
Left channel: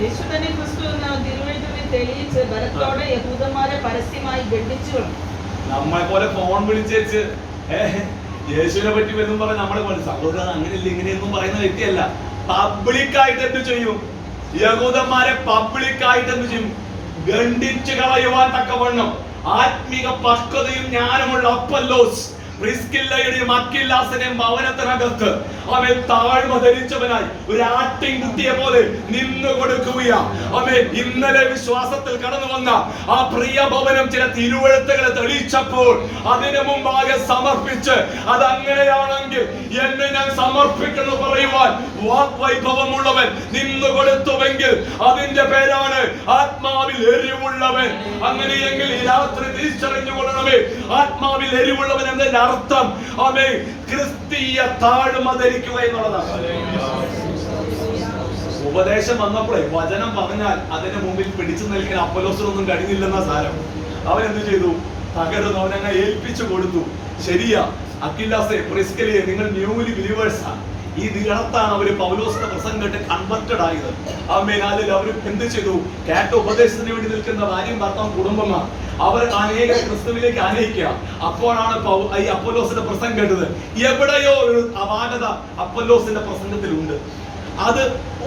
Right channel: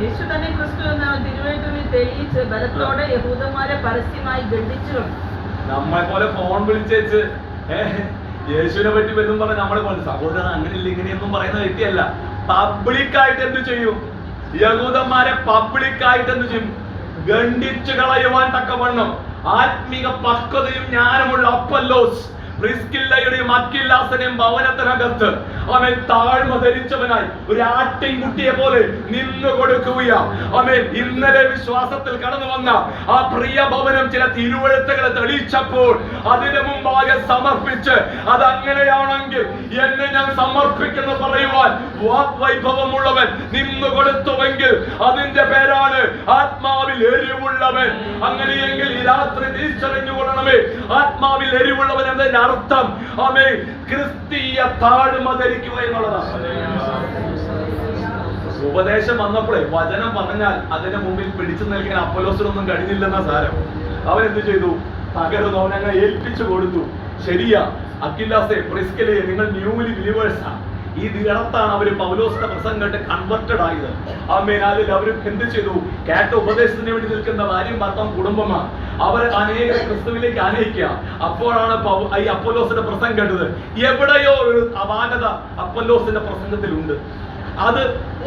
യേശു തന്നെ ക്രിസ്തു എന്ന തിരുവെഴുത്തിൽ തെളിയിച്ച് ബലത്തോടെ യഹൂദന്മാരെ പരസ്യമായി ഗണ്ഡിച്ചു. നമ്മളെ പോലെ ഫോൺ വിളിച്ചേച്ച് യേശുവിനെ പറ്റി വരും പറഞ്ഞ നമ്മളെ പോലെ സഹോദരൻ അങ്ങനെയില്ല ഇങ്ങനെയൊന്നും പറയുന്ന വ്യക്തിയല്ല. പബ്ലിക്കായിട്ട് എന്ത് ചെയ്യും? യഹൂദന്മാരെ പബ്ലിക്കായിട്ട് എന്ത് ചെയ്യും? ഗണ്ഡിച്ചു കളയുവാൻ തക്കവണ്ണം ആത്മീക പക്വതയും ജ്ഞാനമുള്ള അപ്പൊല്ലോസ് പ്രിസ്കില്ലയുടെയും അക്വിലാസിനെയും ഭവനത്തിനകത്ത് അവൻ താഴ്മ ധരിച്ചവനായി ഒരു ആട്ടിൻകുട്ടിയെ പോലെ നിന്നു കൊടുക്കുകയാ. അവൻ ഇന്നലെ വിശ്വാസത്തിൽ കടന്നു വന്ന ആ പ്രിയ ഭവനം ചില തിരുവെഴുത്തുകളെ തെളിയിച്ചപ്പോൾ അതിനു മുമ്പാകെ സമർപ്പിച്ച്, അതങ്ങനെയാണെങ്കിൽ എന്നെ ഞാൻ സമർപ്പിക്കുന്നു പറയുവാൻ വാഗ്വൈഭവമുള്ളവൻ നിന്നു കൊടുത്തുവെങ്കിൽ അതിന്റെ പേരാണ് ആത്മാവിൽ എരിവുള്ളവൻ. അങ്ങനെയെങ്കിൽ ഈ രാത്രി തിരിച്ചറിഞ്ഞുകൊള്ളണമേ, ആത്മാവിൽ എരിവുള്ളവൻ എന്നതിന്റെ അർത്ഥം ആമേൻ ക്രിസ്തീയ താഴ്മ ധരിക്കുക എന്നുള്ളതാണ്. ഉപദേശം വന്നപ്പോഴേ വചനം പറഞ്ഞാൽ അതിന്റെ മുമ്പിൽ പിടിച്ചു നിൽക്കാൻ അപ്പൊല്ലോസിനൊന്നും കഴിഞ്ഞില്ലെന്ന സാരം. അവൻ എന്ത് ചെയ്തു? പകരം അവനങ്ങ് ഏൽപ്പിച്ചു കൊടുത്തു. ശരിയാ, അക്വിലാസേ, പ്രിസ്കില്ലയെ, നിങ്ങൾ ന്യൂലി ബിലീവേഴ്സാ. ഈ ദിനത്താണ് അവര് പൗലോസിന്റെ പ്രസംഗം കേട്ട് കൺവെർട്ടഡ് ആയത്. ആമേൻ, അതിൽ അവർ എന്ത് ചെയ്തു? കേട്ട ഉപദേശത്തിന് വേണ്ടി നിൽക്കുന്ന ഭാര്യയും ഭർത്താവും കുടുംബമാണ്. അവർ അനേക ക്രിസ്തുവിലേക്ക് ആനയിക്കുക. അപ്പോഴാണ് ഈ അപ്പൊല്ലോസിന്റെ പ്രസംഗം കേട്ടത്. എവിടെയോ ഒരു അപാകത അപ്പൊല്ലോസിന്റെ പ്രസംഗത്തിലുണ്ട്. അത്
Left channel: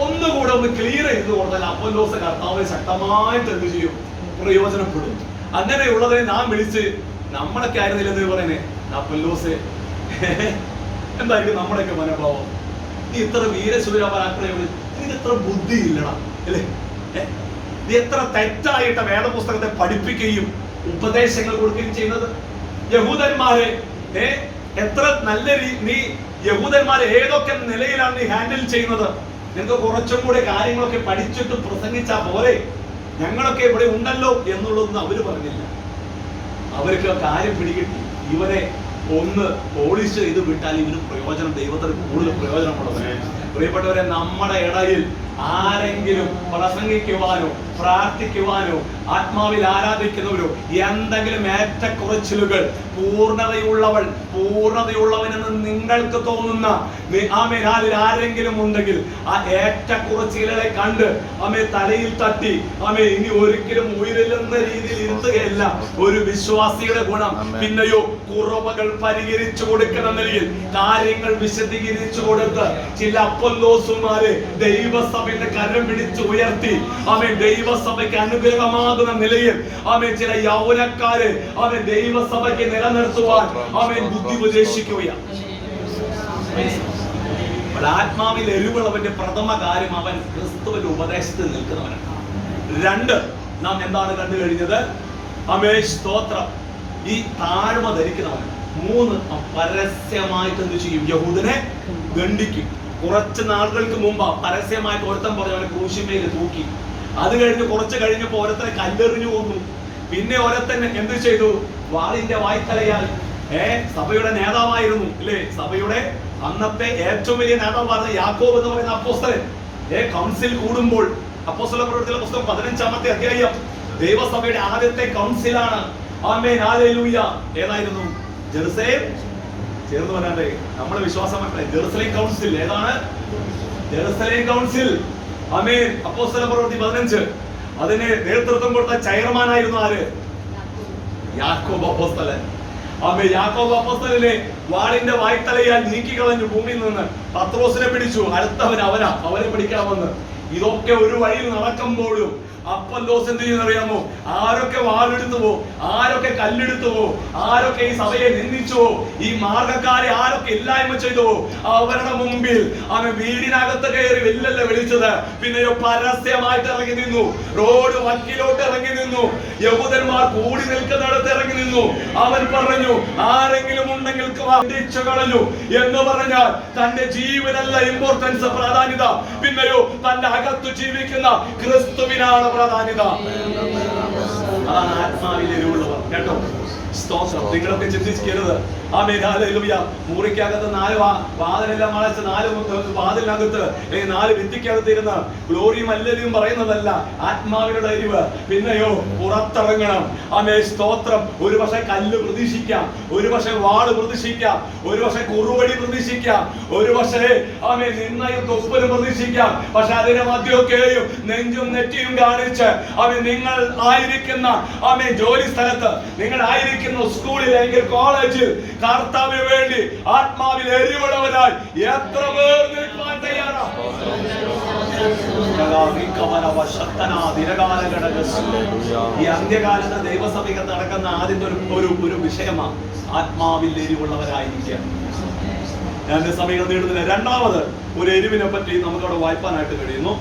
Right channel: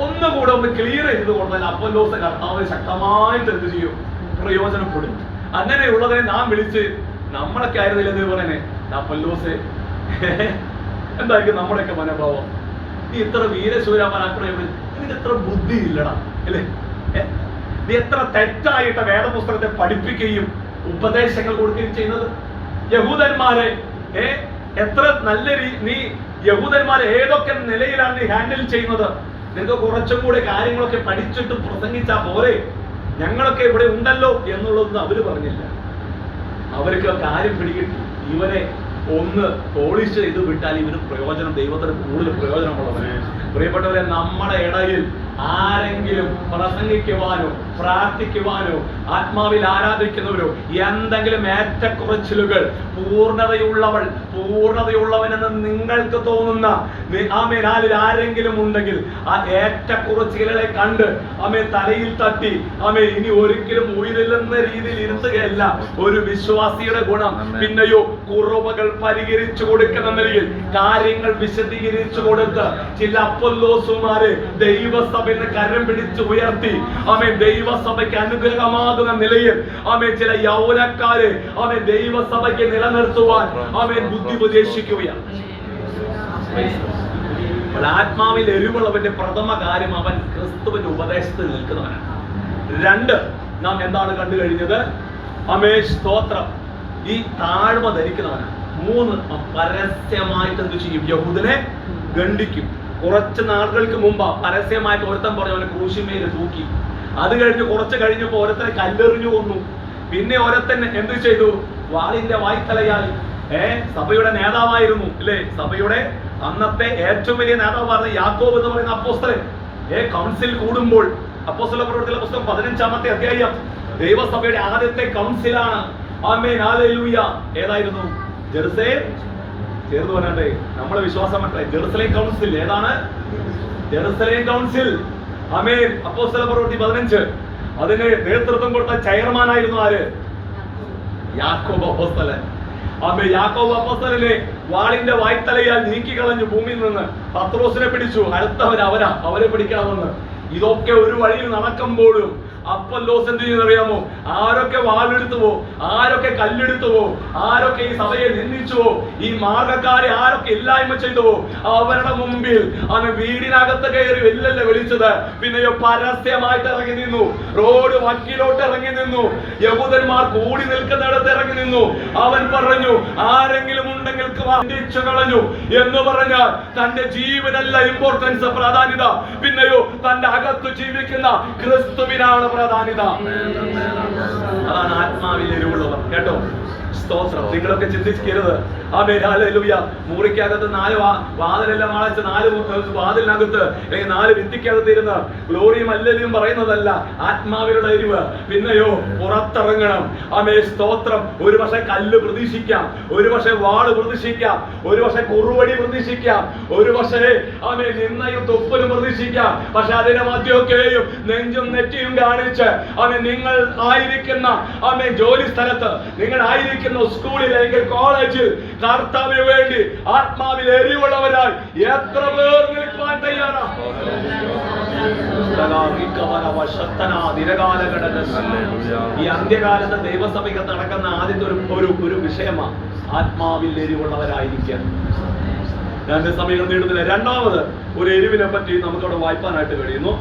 ഒന്നുകൂടെ ഒന്ന് ക്ലിയർ ചെയ്ത് കൊടുത്താൽ അപ്പൊല്ലോസ് കർത്താവ് ശക്തമായിട്ട് എന്ത് ചെയ്യും? പ്രയോജനപ്പെടും. അങ്ങനെയുള്ളതിനെ നാം വിളിച്ച് നമ്മളൊക്കെ ആയിരുന്നില്ല എന്ന് പറയുന്നേ, അപ്പൊല്ലോസ് എന്തായിരിക്കും നമ്മുടെയൊക്കെ മനോഭാവം? നീ ഇത്ര വീരശൂര പരാക്രമം, നിനക്ക് എത്ര ബുദ്ധി ഇല്ലടാ, അല്ലേ? നീ എത്ര തെറ്റായിട്ട് വേദപുസ്തകത്തെ പഠിപ്പിക്കുകയും ഉപദേശങ്ങൾ കൊടുക്കുകയും ചെയ്യുന്നത്. യഹൂദന്മാരെ എത്ര നല്ല നീ യഹൂദന്മാരെ ഏതൊക്കെ നിലയിലാണ് നീ ഹാൻഡിൽ ചെയ്യുന്നത്? നിനക്ക് കുറച്ചും കൂടെ കാര്യങ്ങളൊക്കെ പഠിച്ചിട്ട് പ്രസംഗിച്ചാ പോരെ, ഞങ്ങളൊക്കെ ഇവിടെ ഉണ്ടല്ലോ എന്നുള്ളത് അവര് പറഞ്ഞില്ല. അവർക്ക് കാര്യം പിടികിട്ടി. ഇവരെ ഒന്ന് പോളിഷ് ചെയ്ത് വിട്ടാൽ ഇവന് പ്രയോജനം, ദൈവത്തിന് കൂടുതൽ പ്രയോജനമുള്ളത്. പ്രിയപ്പെട്ടവരെ, നമ്മുടെ ഇടയിൽ ആരെങ്കിലും പ്രസംഗിക്കുവാനോ പ്രാർത്ഥിക്കുവാനോ ആത്മാവിൽ ആരാധിക്കുന്നവരോ എന്തെങ്കിലും ഏറ്റക്കുറച്ചിലുകൾ പൂർണ്ണതയുള്ളവനെന്ന് നിങ്ങൾക്ക് തോന്നുന്ന ആമേൻ ആരെങ്കിലും ഉണ്ടെങ്കിൽ ആ ഏറ്റക്കുറച്ചിലുകളെ കണ്ട് തലയിൽ തട്ടി ഇനി ഒരിക്കലും ഉയരില്ലെന്ന രീതിയിൽ ഇരുത്തുകയല്ല ഒരു വിശ്വാസിയുടെ ഗുണം. പിന്നെയോ കുറവുകൾ പരിഹരിച്ചു കൊടുക്കുന്ന നിലയിൽ കാര്യങ്ങൾ വിശദീകരിച്ചു കൊടുത്ത് ചില അപ്പൊല്ലോസുമാരെ ദൈവസഭയിൽ കരം പിടിച്ച് ഉയർത്തി ദൈവസഭയ്ക്ക് അനുഗ്രഹമാകുന്ന നിലയിൽ ചില യൗവനക്കാരെ ദൈവസഭയ്ക്ക് നിലനിർത്തുവാൻ ബുദ്ധി ഉപദേശിക്കുകയാണ്. ആത്മാവിൽ എരിവുള്ളവന്റെ പ്രഥമ കാര്യം അവൻ ക്രിസ്തുവിന്റെ ഉപദേശത്തിൽ നിൽക്കുന്നവനാണ്. 2, നാം എന്താണ് കണ്ടു കഴിഞ്ഞത്? സ്തോത്രം, ഈ താഴ്മ ധരിക്കുന്നവനാണ്. 3, പരസ്യമായിട്ട് എന്ത് ചെയ്യും? യഹൂദനെ ഗണ്ഡിക്കും. കുറച്ച് നാളുകൾക്ക് മുമ്പ് പരസ്യമായിട്ട് ഒരുത്തൻ പറഞ്ഞു അവനെ ക്രൂശിന്മേൽ തൂക്കി. അത് കഴിഞ്ഞ് കുറച്ച് കഴിഞ്ഞപ്പോ ഓരോരുത്തരെ കല്ലെറിഞ്ഞു കൊന്നു. പിന്നെ ഓരോരുത്തൻ എന്ത് ചെയ്തു? വാളിന്റെ വായ്ത്തലയായി. സഭയുടെ നേതാവായിരുന്നു, അല്ലേ? സഭയുടെ അന്നത്തെ ഏറ്റവും വലിയ നേതാവ് പറഞ്ഞ യാക്കോബ് എന്ന് പറയുന്ന അപ്പോസ്തലൻ കൗൺസിൽ കൂടുമ്പോൾ, അപ്പോസ്തല പ്രവൃത്തികളുടെ പുസ്തകം 15-ാമത്തെ അധ്യായം ദൈവസഭയുടെ ആദ്യത്തെ കൗൺസിലാണ്. ആമേൻ, ഹല്ലേലൂയ. ഏതായിരുന്നു? ജെറുസലേം ചേർന്ന് പറഞ്ഞേ നമ്മളെ വിശ്വാസം മറ്റേ ജെറുസലേം കൗൺസിൽ. ഏതാണ് ജെറുസലേം കൗൺസിൽ? ആമേൻ. അപ്പോസ്തല പ്രവൃത്തി 15 അതിന് നേതൃത്വം കൊടുത്ത ചെയർമാനായിരുന്നു ആര്? യാക്കോബ് അപ്പോസ്തലൻ. ആമേൻ. യാക്കോബ് അപ്പോസ്തലനെ വാളിന്റെ വായ്ത്തലയാൽ നീക്കിക്കളഞ്ഞു ഭൂമിയിൽ നിന്ന്. പത്രോസിനെ പിടിച്ചു. അടുത്തവൻ അവരെ പിടിക്കണമെന്ന്. ഇതൊക്കെ ഒരു വഴിയിൽ നടക്കുമ്പോഴും അപ്പൊല്ലോസ് എന്ത് ചെയ്യുന്നറിയാമോ? ആരൊക്കെ വാളെടുത്തുവോ, ആരൊക്കെ കല്ലെടുത്തുവോ, ആരൊക്കെ ഈ സഭയെ നിന്ദിച്ചുവോ, ഈ മാർഗക്കാരെ ആരൊക്കെ ഇല്ലായ്മ ചെയ്തുവോ, അവരുടെ മുമ്പിൽ അവൻ വീടിനകത്ത് കയറി വെല്ലല്ല വിളിച്ചത്. പിന്നെയോ പരസ്യമായിട്ട് ഇറങ്ങി നിന്നു. റോഡ് വക്കിലോട്ട് ഇറങ്ങി നിന്നു. യഹൂദന്മാർ കൂടി നിൽക്കുന്നിടത്ത് ഇറങ്ങി നിന്നു. അവൻ പറഞ്ഞു, ആരെങ്കിലും ഉണ്ടെങ്കിൽ കളഞ്ഞു എന്ന് പറഞ്ഞാൽ തന്റെ ജീവനല്ല ഇമ്പോർട്ടൻസ്, പ്രാധാന്യത. പിന്നെയോ തന്റെ അകത്ത് ജീവിക്കുന്ന ക്രിസ്തുവിനാണ് പ്രാധാന്യത. അതാണ് ആത്മാവിൽ എരിവുള്ളവർ. കേട്ടോ, സ്തോത്രം. നിങ്ങളൊക്കെ ചിന്തിക്കരുത്. ആമേൻ. ഹല്ലേലൂയ. മുറിക്കകത്ത് 4 വാതിലെല്ലാം അടച്ച് 4 വാതിലിനകത്ത് 4 ഭിത്തിക്കകത്ത് ഇരുന്ന് ഗ്ലോറിയും അല്ലലിയും പറയുന്നതല്ല ആത്മാവിലുള്ള എരിവ്. പിന്നെയോ പുറത്തിറങ്ങണം. ആമേൻ. സ്തോത്രം. ഒരു പക്ഷെ കല്ല് പ്രതീക്ഷിക്കാം, ഒരു പക്ഷെ വാള് പ്രതീക്ഷിക്കാം, ഒരു പക്ഷെ കുറുവടി പ്രതീക്ഷിക്കാം, ഒരു പക്ഷേ ആമേൻ നിന്നയും തൊപ്പലും പ്രതീക്ഷിക്കാം. പക്ഷെ അതിന്റെ മധ്യമൊക്കെയും നെഞ്ചും നെറ്റിയും കാണിച്ച് ആമേൻ നിങ്ങൾ ആയിരിക്കുന്ന ആമേൻ ജോലി സ്ഥലത്ത്, നിങ്ങൾ ആയിരിക്കുന്ന സ്കൂളിൽ അല്ലെങ്കിൽ കോളേജിൽ കർത്താവിന് വേണ്ടി ആത്മാവിൽ എരിവുള്ളവരായി എത്ര പേർ നിൽക്കാൻ തയ്യാറാണ്? ഈ അന്ത്യകാലത്ത് ദൈവസഭയ്ക്ക് നടക്കുന്ന ആദ്യത്തെ ഒരു വിഷയമാണ് ആത്മാവിൽ എരിവുള്ളവരായിരിക്കുക. ഞാൻ സമയം നേടുന്നില്ല. രണ്ടാമത് ഒരു എരിവിനെ പറ്റി നമുക്കവിടെ വായിപ്പാനായിട്ട് കഴിയുന്നു.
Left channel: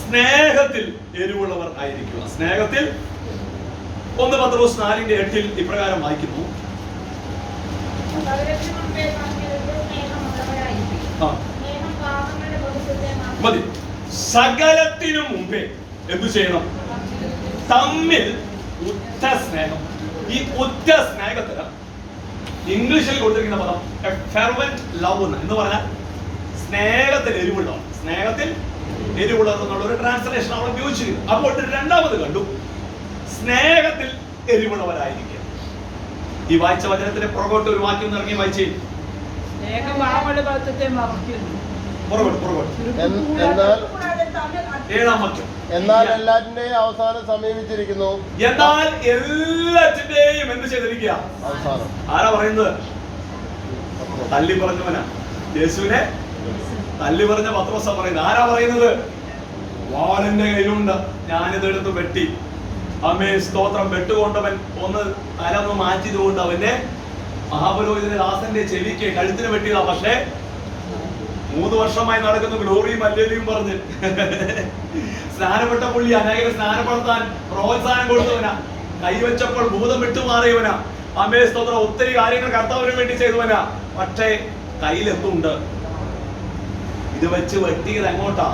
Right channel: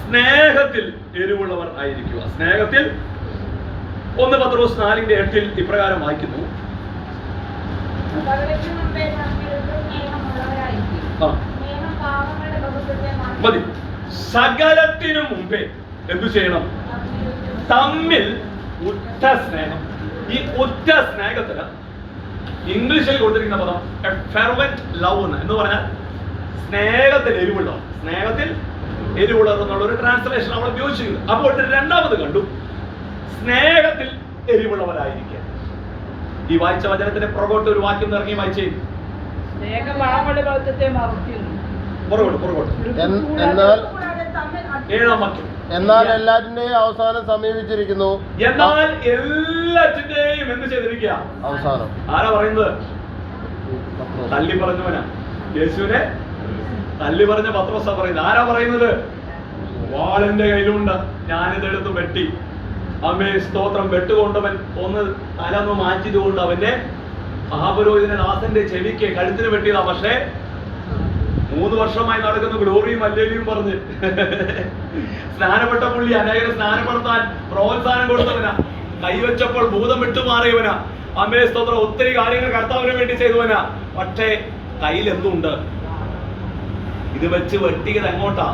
സ്നേഹത്തിൽ എരിവുള്ളവർ ആയിരിക്കുക. സ്നേഹത്തിൽ 1 പത്രോസ് 4:8 ഇപ്രകാരം വായിക്കുന്നു. മതി. സകലത്തിനു മുമ്പേ എന്തു ചെയ്യണം? തമ്മിൽ ഉറ്റ സ്നേഹം. ഈ ഉറ്റ സ്നേഹത്തിന് ഇംഗ്ലീഷിൽ കൊടുത്തിരിക്കുന്ന പദം ഫെർവന്റ് ലവ് എന്ന് പറഞ്ഞാൽ സ്നേഹത്തിൽ എരിവുള്ളവർ. സ്നേഹത്തിൽ എരിവുള്ളവർ എന്നുള്ള ഒരു ട്രാൻസ്ലേഷൻ അവിടെ ഉപയോഗിച്ചിരിക്കുന്നു. അപ്പോൾ രണ്ടാമത് കണ്ടു സ്നേഹത്തിൽ എരിവുള്ളവരായിരിക്കുക. ഈ വായിച്ച വചനത്തിന്റെ പുറകോട്ട് ഒരു വാക്യം ഇറങ്ങി വായിച്ചേ. എന്നാൽ എല്ലാറ്റിന്റെയും അവസാനം സമീപിച്ചിരിക്കുന്നു. എന്നാൽ എല്ലാറ്റിന്റെയും എന്ത് ചെയ്തിരിക്കുക? അവസാനം. ആരാ പറയുന്നത്? തല്ലി പറഞ്ഞവനാ. യേശുവിനെ തല്ലി പറഞ്ഞ പത്രോസാ പറയുന്നത്. ആരാ പറയുന്നത്? വാളിന്റെ കയ്യിലുണ്ട്, ഞാനിതെടുത്ത് വെട്ടി. അമ്മേ സ്തോത്രം. വെട്ടുകൊണ്ടവൻ തലൊന്ന് മാറ്റിയതുകൊണ്ട് അവന്റെ മഹാപുരോഹിതന്റെ ദാസന്റെ ചെവിക്ക് കഴുത്തിന് വെട്ടിയതാ. പക്ഷേ 3 വർഷമായി നടക്കുന്ന ഗ്ലോറിയും അല്ലേലിയും പറഞ്ഞ് സ്നാനപ്പെട്ട പുള്ളി അനേകരെ സ്നാനപ്പെടുത്താൻ പ്രോത്സാഹനം കൊടുത്തവനാ. കൈവച്ചപ്പോൾ ഭൂതം വിട്ടുമാറിയവനാ. അമ്മേ സ്തോത്രം. ഒത്തിരി കാര്യങ്ങൾ കർത്താവിന് വേണ്ടി ചെയ്തവനാ. പക്ഷേ കയ്യിൽ എന്തുണ്ട്? ഇത് വെച്ച് വെട്ടിയത് എങ്ങോട്ടാ?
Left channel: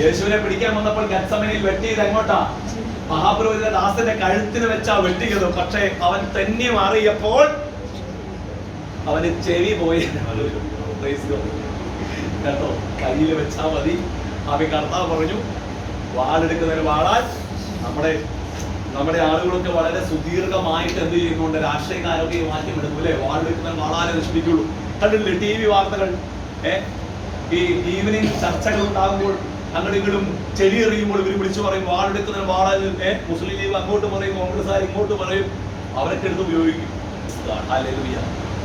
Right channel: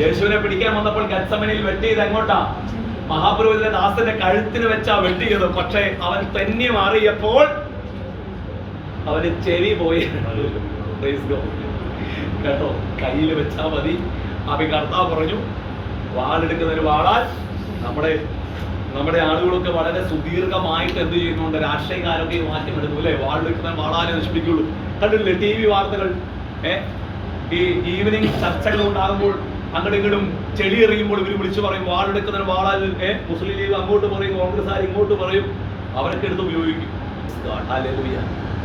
യേശുവിനെ പിടിക്കാൻ വന്നപ്പോൾ ഗത്സമനയിൽ വെട്ടിയത് എങ്ങോട്ടാ? മഹാപുരോഹിതന്റെ ദാസന്റെ കഴുത്തിന് വെച്ചാ വെട്ടിയത്. പക്ഷെ അവൻ തന്നെ മാറിയപ്പോൾ അവന് ചെവി പോയി. കേട്ടോ, കയ്യിൽ വെച്ചാ മതി. അവൻ കർത്താവ് പറഞ്ഞു, വാളെടുക്കുന്നൊരു വാളാൽ നമ്മുടെ ആളുകളൊക്കെ വളരെ സുദീർഘമായിട്ട് എന്ത് ചെയ്യുന്നുണ്ട്? രാഷ്ട്രീയക്കാരൊക്കെ മാറ്റം എടുക്കും അല്ലെ? വാളെടുക്കുന്ന വാളാലെ നശിപ്പിക്കുള്ളൂ. കണ്ടില്ലേ TV വാർത്തകൾ? ഈ ഈവനിങ് ചർച്ചകൾ ഉണ്ടാകുമ്പോൾ അങ്ങോട്ടും ഇങ്ങോട്ടും ചെടി എറിയുമ്പോൾ ഇവർ വിളിച്ചു പറയും വാളെടുക്കുന്ന വാളാൽ. മുസ്ലിം ലീഗ് അങ്ങോട്ട് പറയും, കോൺഗ്രസ്സുകാർ ഇങ്ങോട്ട് പറയും. അവരൊക്കെ എടുത്ത് ഉപയോഗിക്കും.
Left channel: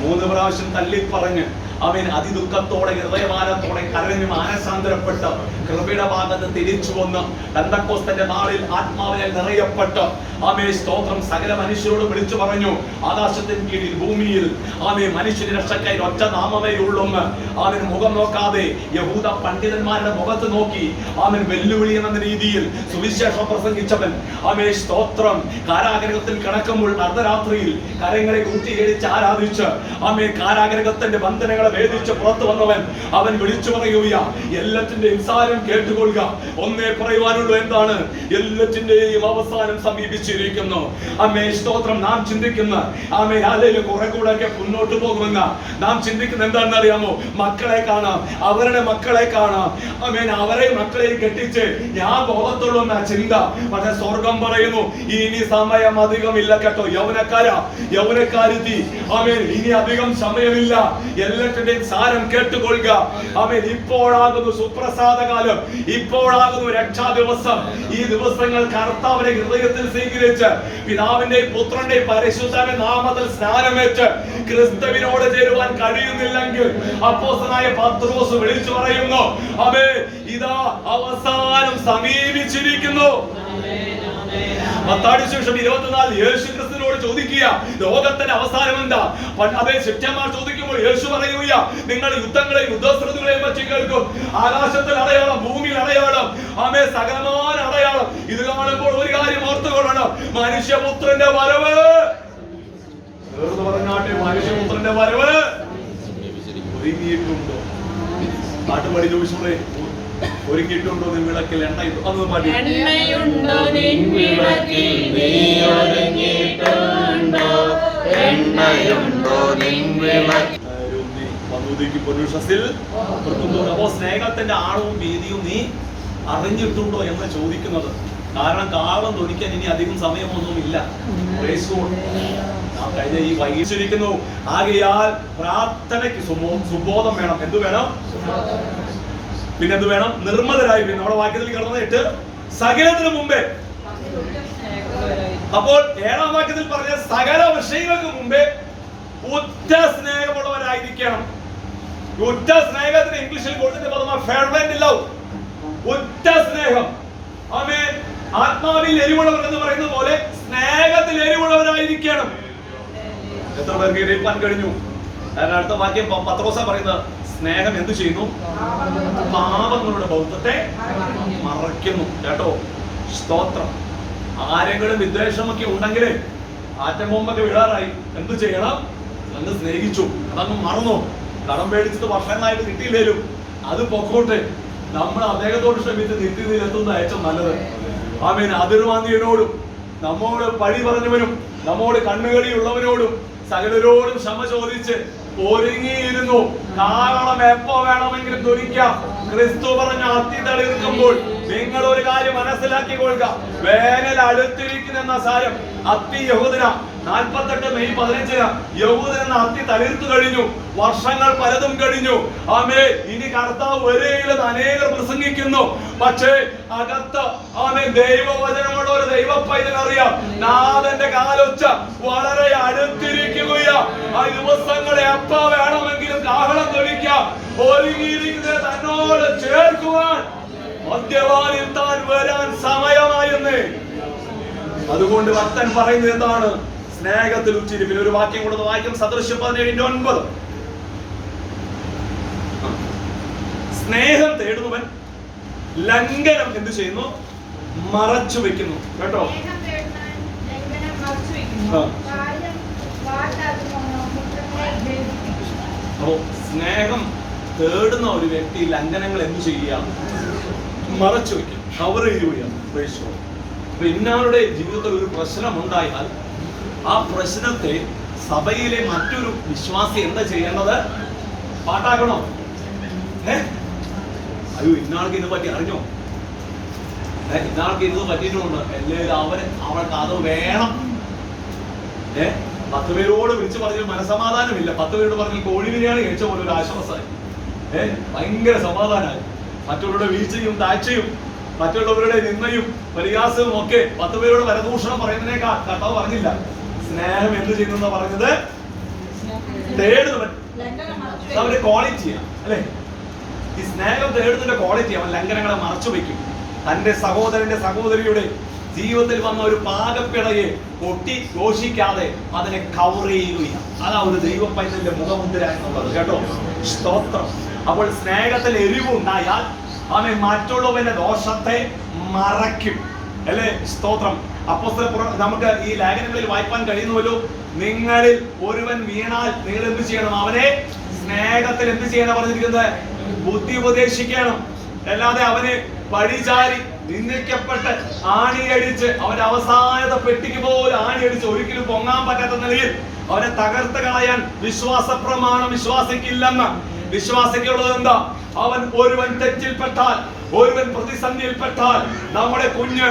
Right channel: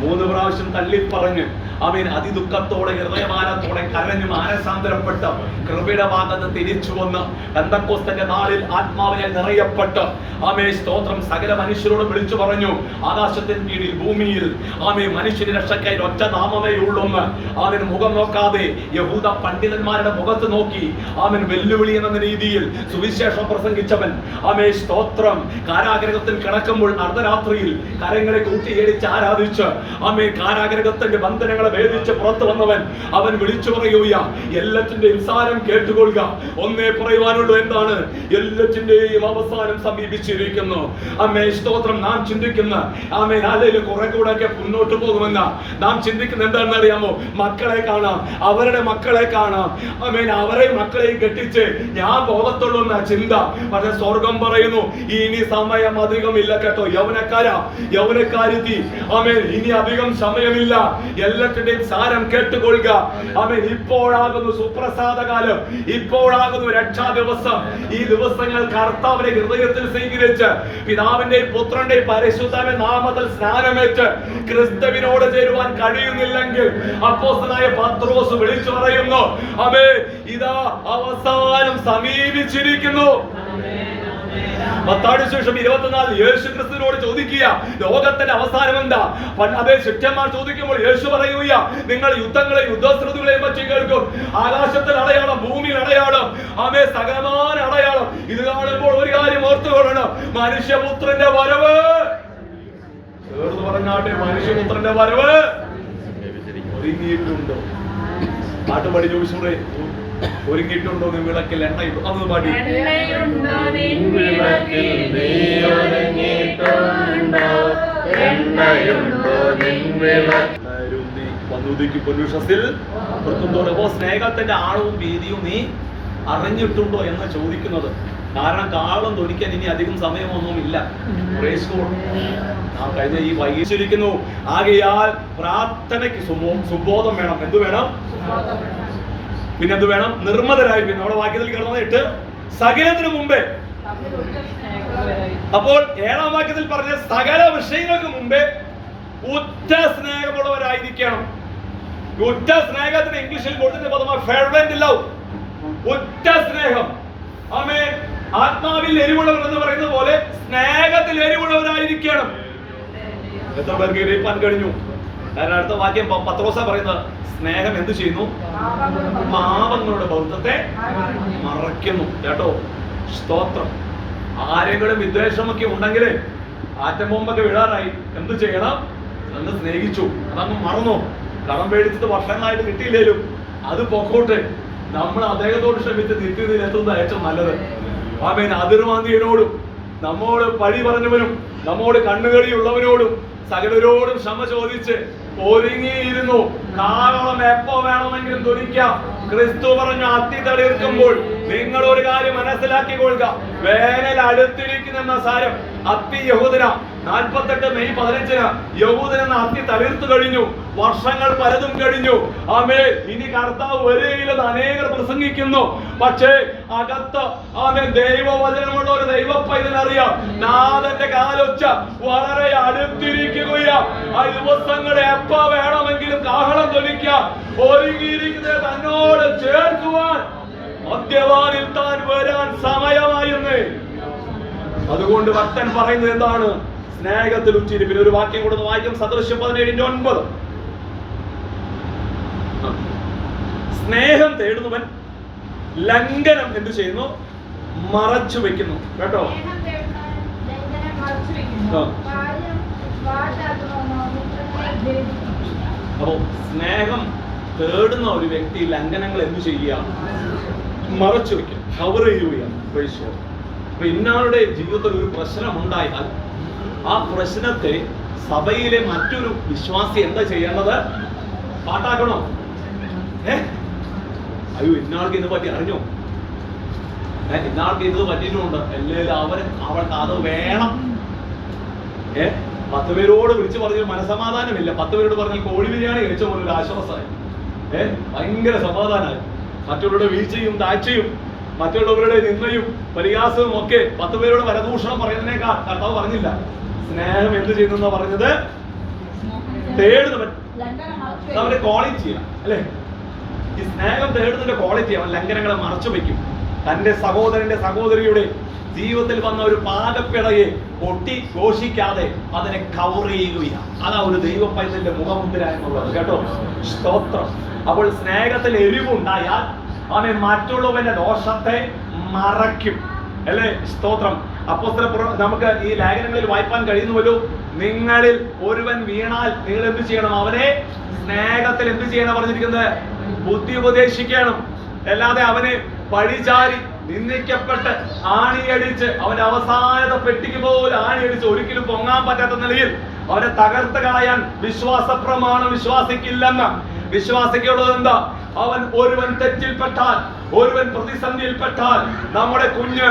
3 പ്രാവശ്യം തല്ലി പറഞ്ഞ് അവൻ അതിദുഃഖത്തോടെ ഹൃദയഭാരത്തോടെ കരഞ്ഞു മാനസാന്തരപ്പെട്ട് കൃപയുടെ ഭാഗത്ത് തിരിച്ചു വന്ന് പെന്തക്കോസ്തന്റെ നാളിൽ ആത്മാവിനെ നിറയപ്പെട്ട് ആമേ സ്തോത്രം സകല മനുഷ്യരോട് വിളിച്ചു പറഞ്ഞു, ആകാശത്തിന് കീഴിൽ ഭൂമിയിൽ ആമേ മനുഷ്യന് രക്ഷക്കായി ഒറ്റ നാമമേ ഉള്ളൂന്ന്. അവൻ മുഖം നോക്കാതെ യഹൂദ പണ്ഡിതന്മാരുടെ മുഖത്ത് നോക്കി അവൻ വെല്ലുവിളി എന്ന രീതിയിൽ സുവിശേഷം പ്രസംഗിച്ചവൻ. ആമേ സ്തോത്രം. കാരാഗ്രഹത്തിൽ കിടക്കുമ്പോൾ അർദ്ധരാത്രിയിൽ കരങ്ങളെ കൂട്ടിയടിച്ച് ആരാധിച്ച് ആമേൻ കാരാഗ്രഹത്തിന്റെ ബന്ധനങ്ങളെ ഭേദിച്ച് പുറത്തു വന്നവൻ അവൻ വിളിച്ചു പറയുക, എല്ലാറ്റിന്റെയും സാരം കേട്ടുകൊള്ളുക. ഒന്നേ പറയുവാനുള്ളൂ, എന്താണ്? എല്ലാറ്റിന്റെയും അവസാനം സമീപിച്ചിരിക്കുന്നു. ആമേൻ സ്തോത്രം. നാം ചിന്തിക്കുന്ന ആമേൻ അല്ലെങ്കിൽ കുറെ കൂടെ ഒക്കെ മുന്നോട്ട് പോകുമെന്ന നാം ചിന്തിക്കുന്ന എന്താണെന്ന് അറിയാമോ? മക്കളെ കാണാം, അവരുടെ മക്കളെ കാണാം, ആമേൻ അവരെ മക്കളെയും കെട്ടിച്ച് ഞാൻ ബോധത്തുള്ളൂ എന്ന ചിന്ത. പക്ഷെ സ്വർഗം പറയുന്നു, ഇനി സമയം അധികമില്ല കേട്ടോ യൗവനക്കാരുത്തി. ആമേൻ ഇനി അധികം സമയമില്ല. എല്ലാത്തിന്റെയും സാരം കേട്ടുകൊള്ളുക. ആമേൻ ഇപ്പോഴാകുന്നു സുപ്രസാദ കാലം, ഇപ്പോഴാകുന്നു രക്ഷാ ദിവസം. ഈ ദിവസങ്ങൾ കർത്താവിനെ ഹൃദയത്തിൽ സ്വീകരിച്ച് പിതാവിന്റെയും പുത്രന്റെയും പരിശുദ്ധന്റെ നാമത്തിൽ സ്നാനമേറ്റ് ക്രിസ്തുവിനോട് ചേരുവാൻ കഴിയുന്നില്ലെങ്കിൽ അപ്പോസ്തലനായ പത്രോസ് വിളിച്ചു പറയുന്നു, ആമേൻ ഇതാ അവസാനം സമീപിച്ചിരിക്കുന്നു. മത്തായി സുവിശേഷം 24 യേശു ക്രിസ്തുവിനോട് ചോദിക്കുക, ലോകത്തിന്റെ അവസാനം എന്താ? അതേ ശിഷ്യന്മാർ ചോദിക്കുമ്പോൾ യേശു പറയുക, നിങ്ങൾ യുദ്ധങ്ങളെയും യുദ്ധശ്രുതികളെയും പറ്റി കേൾക്കും. ആകാശത്തിൽ അടയാളം, ഭൂമിയിൽ അടയാളം, ആമേ സകലമായ അടയാളം. ഇത് കാണുമ്പോൾ ഒരു കാര്യം ഓർത്തുകൊള്ളണം, മനുഷ്യപുത്രന്റെ വരവ്. മനുഷ്യപുത്രന്റെ വരവ് ഒരുങ്ങിയിട്ടുണ്ടോ? പാട്ടുപാടി ചോദിച്ചോളേ, ഒരുങ്ങിയിട്ടുണ്ടോ നിൻ വിളക്കിൽ എണ്ണ? അന്ന് പാടി എണ്ണയുണ്ടോ നിൻ വിളക്കിൽ, നീ ഒരുങ്ങിയിട്ടുണ്ടോ? എണ്ണയുണ്ടോ നിൻ വിളക്കിൽ. അപ്പോ സ്നേഹത്തിന്റെ ആഴവും വീതിയും നീ അറിഞ്ഞിട്ടുണ്ടോ എന്ന് ചോദിക്കുന്നത്. കാരണം കാളം തൊലിക്കാൻ ഇനി അധികം സമയമൊന്നുമില്ല. കഴിഞ്ഞ ഈ വൈകിച്ചിരിക്കുന്നു. ആകയാൽ പ്രാർത്ഥനയ്ക്ക് സുബോധം വേണം. എന്ത് വേണം? പിന്നെന്ത് വേണം? നിർമ്മതരായി. പിന്നെ നമ്മുടെ വാക്യത്തിൽ കിടന്നിട്ട് സകലത്തിനു മുമ്പേ. അപ്പോൾ 7ാം വാക്യത്തിൽ പറഞ്ഞ സകല വിഷയങ്ങൾക്ക് മുമ്പേ ഉറ്റ സ്നേഹമുള്ളവരായിരിക്കണം. ഉറ്റ സ്നേഹത്തിന് ഇംഗ്ലീഷിൽ കൊടുത്തിട്ട് പദമാണ് ഫെർവെന്റ് ലവ്. ഉറ്റ സ്നേഹം. ആമേൻ. ആത്മാവിൽ എരിവുള്ളവർ എന്ന് പറയുന്നത് പോലെ സ്നേഹത്തിൽ എരിവുള്ളവരായിരിക്കണം. എത്ര പേർക്ക് ഗ്രഹിപ്പാൻ കഴിഞ്ഞു? കാരണം അടുത്ത വാക്യം പത്രോസാ പറയുന്നത്, സ്നേഹം എന്ത് ചെയ്യുന്നു? പാപങ്ങളുടെ ബൗദ്ധത്തെ മറയ്ക്കുന്നു. കേട്ടോ, സ്തോത്രം. ആരെങ്കിലും വിദ്വേഷമൊക്കെ ഉണ്ടെങ്കിൽ ആറ്റം ബോംബൊക്കെ വീഴാറായി, എന്ത് ചെയ്യണം? അന്ന് സ്നേഹിച്ചു, അതങ്ങ് മറന്നു. കടം പേടിച്ചിട്ട് വർഷങ്ങളായിട്ട് കിട്ടിയില്ലേലും അത് പൊക്കോട്ടെ. നമ്മൾ അദ്ദേഹത്തോട് ശ്രമിച്ച് നിത്യതയിൽ എത്തുന്ന ഏറ്റവും നല്ലത്. ആമേൻ. അതിർവാന്തിയനോടും നമ്മോട് പഴി പറഞ്ഞവനും നമ്മോട് കണ്ണുകളിയുള്ളവനോടും സകലരോടും ക്ഷമ ചോദിച്ച് ഒരുങ്ങിയിരുന്നു. കാരണം എപ്പോ വേണമെങ്കിലും തൊലിക്കാം. ക്രിസ്തു പറഞ്ഞ അത്തി തളിർക്കുമ്പോൾ നിങ്ങൾ ഒരു കാര്യം മനസ്സിലാക്കിക്കൊള്ളുക, വേനൽ അടുത്തിരിക്കുന്ന സാരം. അത്തി യഹൂദന 48 മെയ് 15 യഹൂദന അത്തി തളിർത്തു കഴിഞ്ഞു. വർഷങ്ങൾ പലതും കഴിഞ്ഞു. ആമേ. ഇനി കർത്താവ് വരെയില്ലെന്ന് അനേകർ പ്രസംഗിക്കുന്നു. പക്ഷേ അകത്ത് ആമേ ദൈവവചനമുള്ള ഒരു ദൈവ പൈതലറിയാം, നാഥന്റെ കാലൊച്ച വളരെ അടുത്തിരിക്കുകയാ. ആ ദിവസങ്ങളെ എപ്പോ വേണമെങ്കിലും കാഹളം തൊലിക്കാം. ഒരുങ്ങിയിരിക്കുന്നത് തന്നോട് ചേർക്കുവാൻ മദ്യപാനിൽ താൻ വരാൻ സമയമായെന്ന്. അതുകൊണ്ട് ഭക്തൻ പറയുന്നത് എന്താണ്? സ്നേഹത്തിൽ ഉച്ചിരിപ്പിൽ. ഒരു വാക്യം കൂടെ വായിക്കും. സദൃശ്യം 17:9. സ്നേഹം തേടുന്നവൻ ലംഘനം എന്ത് ചെയ്യുന്നു? മറച്ചു വെക്കുന്നു. കേട്ടോ, അപ്പോ സ്നേഹം തേടുന്ന ഒരു വ്യക്തി ലംഘനങ്ങൾ എന്ത് ചെയ്യുക? മറച്ചു വെക്കും, കവർ ചെയ്യുകയാണ്. അപ്പൊ ഇന്നാളുടെ ജീവിതത്തിൽ ഒരു പ്രശ്നമുണ്ടായാൽ ആ പ്രശ്നത്തെ സഭയിലെ മറ്റൊരു വിശ്വാസി എന്താ ചെയ്യേണ്ടത്? പാട്ടാക്കണോ? അയ്യോ, ഇന്നാൾക്ക് ഇതിനെ പറ്റി അറിഞ്ഞോ? ഇന്നാൾക്ക് ഇത് പറ്റിയിട്ടുണ്ട്, എല്ലാവരും അവൾക്ക് അത് വേണം. 10 പേരോട് വിളിച്ചു പറഞ്ഞാൽ മനസമാധാനമില്ല. 10 പേരോട് പറഞ്ഞാൽ കോഴി ബിരിയാണി കഴിച്ച പോലെ ഒരു ആശ്വാസമായി. ഭയങ്കര സമാധാനമായി. മറ്റുള്ളവരുടെ വീഴ്ചയും താഴ്ചയും മറ്റുള്ളവരുടെ നിന്നയും പരിഹാസവും ഒക്കെ 10 പേരോട് പരദൂഷണം പറയുന്നതിനേക്കാൾ കർത്താവ് പറഞ്ഞില്ല. സ്നേഹം എന്ത് ചെയ്യുന്ന പറഞ്ഞത്? തേടുന്നവൻ അവന്റെ ക്വാളിറ്റിയാണ്, അല്ലെ? ഈ സ്നേഹം തേടുന്നതിന്റെ ക്വാളിറ്റി അവൻ ലംഘനങ്ങളെ മറച്ചു വെക്കും. തന്റെ സഹോദരന്റെ സഹോദരിയുടെ ജീവിതത്തിൽ വന്ന ഒരു പാകപ്പിഴയെ പൊട്ടി ഘോഷിക്കാതെ അതിനെ കവർ ചെയ്യുകയാണ്. അതാ ഒരു ദൈവ പൈതലിന്റെ മുഖമുദ്ര എന്നുള്ളത്. കേട്ടോ, സ്തോത്രം. അപ്പോൾ സ്നേഹത്തിൽ എരിവുണ്ടായാൽ അവൻ മറ്റുള്ളവന്റെ ദോഷത്തെ മറയ്ക്കും. അല്ലേ? സ്തോത്രം. നമുക്ക് ഈ ലേഖനങ്ങളിൽ വായിക്കാൻ കഴിയുന്നുവല്ലോ, നിങ്ങളിൽ ഒരുവൻ വീണാൽ നിങ്ങൾ എന്ത് ചെയ്യണം? അവനെ സ്നേഹത്തിൽ എന്ത് ചെയ്യണം പറഞ്ഞിരിക്കുന്നത്? ബുദ്ധി ഉപദേശിക്കണം. അല്ലാതെ അവനെ പഴിചാരി നിന്ദിക്കപ്പെട്ട് ആണിയടിച്ച് അവന്റെ അവസാനത്തെ പെട്ടിക്ക് പോലെ ആണിയടിച്ച് ഒരിക്കലും പൊങ്ങാൻ പറ്റാത്ത നിലയിൽ അവനെ തകർത്ത് കളയാൻ വിശ്വാസ പ്രമാണം വിശ്വാസിക്കില്ലെന്ന്. വിശ്വാസിക്കുള്ളത് എന്താ? അവൻ ഒരുവൻ തെറ്റിൽപ്പെട്ടാൽ, ഒരുവൻ പ്രതിസന്ധിയിൽപ്പെട്ടാൽ, നമ്മുടെ കുഞ്ഞ്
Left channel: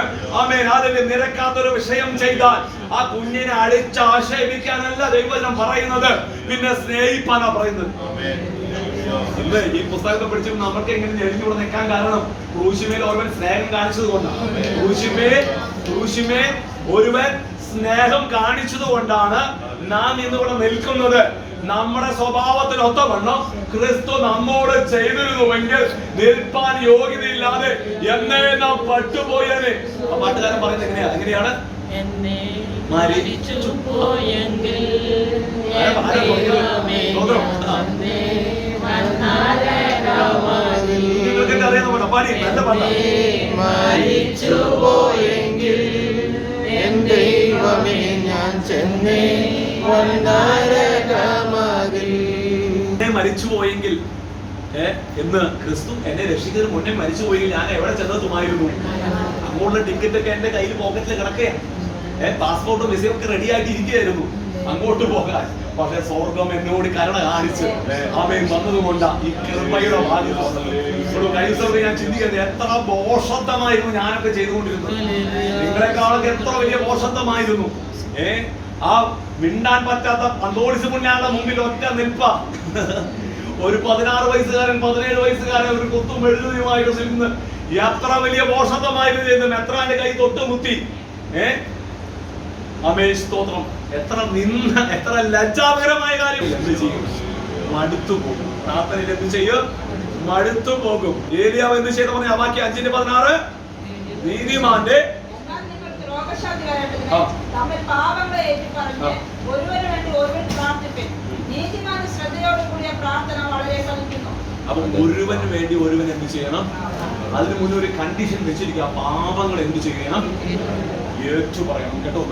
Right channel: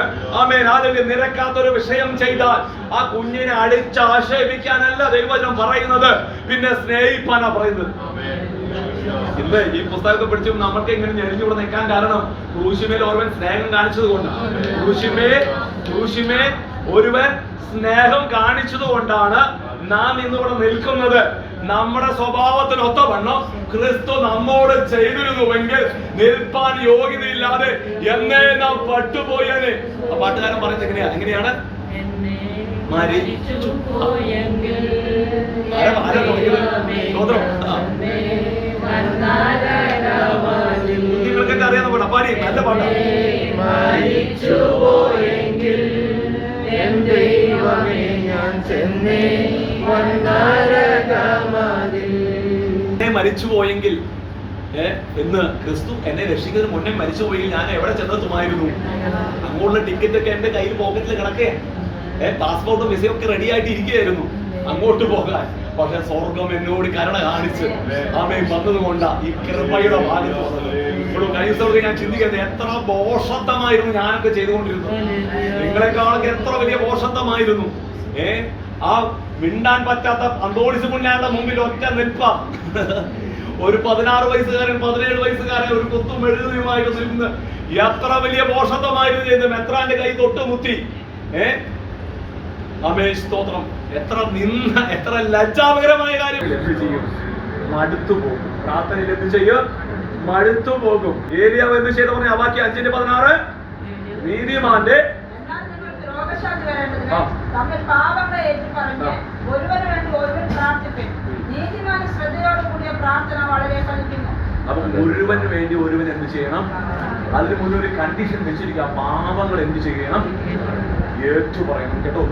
അതിന് നിരക്കാത്തൊരു വിഷയം ചെയ്താൽ ആ കുഞ്ഞിനെ അടിച്ച് ആക്ഷേപിക്കാനല്ല ദൈവവചനം പറയുന്നത്, പിന്നെ സ്നേഹിപ്പാനാ പറയുന്നത്. ഇല്ല, ഈ പുസ്തകത്തെ പഠിച്ചു നമ്മൾക്ക് ഇങ്ങനെ ഞെരിഞ്ഞൂടെ നിൽക്കാൻ കാരണം ക്രൂശിമേൽ ഒരുവൻ സ്നേഹം കാണിച്ചത് കൊണ്ടാണ്. ക്രൂശിമേൽ ഒരുവൻ സ്നേഹം കാണിച്ചത് കൊണ്ടാണ് നാം ഇന്നിവിടെ നിൽക്കുന്നത്. നമ്മുടെ സ്വഭാവത്തിനൊത്തവണ്ണം ക്രിസ്തു നമ്മോട് ചെയ്തിരുന്നുവെങ്കിൽ നിൽപ്പാൻ യോഗ്യതയില്ലാതെ എന്നേ നാം പട്ടുപോയനെ. പാട്ടുകാരൻ പറഞ്ഞത് എങ്ങനെയാണ്? നിങ്ങൾക്കൊക്കെ അറിയാവുന്ന പാട്ടാ, പാടി നല്ല പാട്ടാ. മരിച്ചുപോയെങ്കിൽ എന്ന് ക്രിസ്തു എന്നെ രക്ഷിക്കുന്നതിന് മുന്നേ മരിച്ചുപോയെങ്കിൽ ഞാൻ എവിടെ ചെന്നെത്തുമായിരുന്നു? അങ്ങോട്ടുള്ള ടിക്കറ്റ് ഒക്കെ എന്റെ കയ്യിൽ പോക്കറ്റിൽ കിടക്കുകയാണ്. പാസ്പോർട്ടും വിസയൊക്കെ റെഡി ആയിട്ട് ഇരിക്കുകയായിരുന്നു അങ്ങോട്ട് പോകാൻ. പക്ഷെ സ്വർഗം എന്നോട് കരുണ കാണിച്ച് ആമേൻ വന്നതുകൊണ്ടാ ഈ കൃപയുടെ ഭാഗം. കഴിഞ്ഞ ദിവസം ഞാൻ ചിന്തിക്കുന്നത് എത്ര ബോഷത്വമായിരുന്നു ഞാനൊക്കെ ചെയ്തുകൊണ്ടിരുന്നത്. നിങ്ങളെക്കാളൊക്കെ എത്ര വലിയ ബോഷത്വമായിരുന്നു. ആ മിണ്ടാൻ പറ്റാത്ത അന്തോണിസ് പുണ്യാളുടെ മുമ്പിൽ ഒറ്റ നിൽപ്പ. ഒരു 16 വയസ്സുകാരൻ 17 വയസ്സുകാരൻ ഒരു കുത്തും എഴുതുമായിട്ട് നിൽക്കുന്ന എത്ര വലിയ ബോഷത്വമായിരുന്നു ചെയ്യുന്നത്. മെത്രാന്റെ കൈ തൊട്ടുമുത്തി. സ്തോത്രം. എത്ര ലജ്ജാകരമായ കാര്യം. എന്ത് ചെയ്യും? മടുത്തു പോകും. പ്രാർത്ഥനയിൽ എന്ത് ചെയ്യും? മടുത്തു പോകും. ഏലിയാവ് എന്ത് ചെയ്ത പറഞ്ഞ വാക്യം 5:16 നീതിമാന്റെ അപ്പൊ ഒരുവന് വേണ്ടി ഒരുവൻ എന്ത് ചെയ്യണം? അതിന് മുന്നേ ഒരു കണ്ടീഷൻ വെച്ചിരിക്കുക. പാപങ്ങൾ എന്ത് ചെയ്യണം? ഏറ്റു പറയണം കേട്ടോ.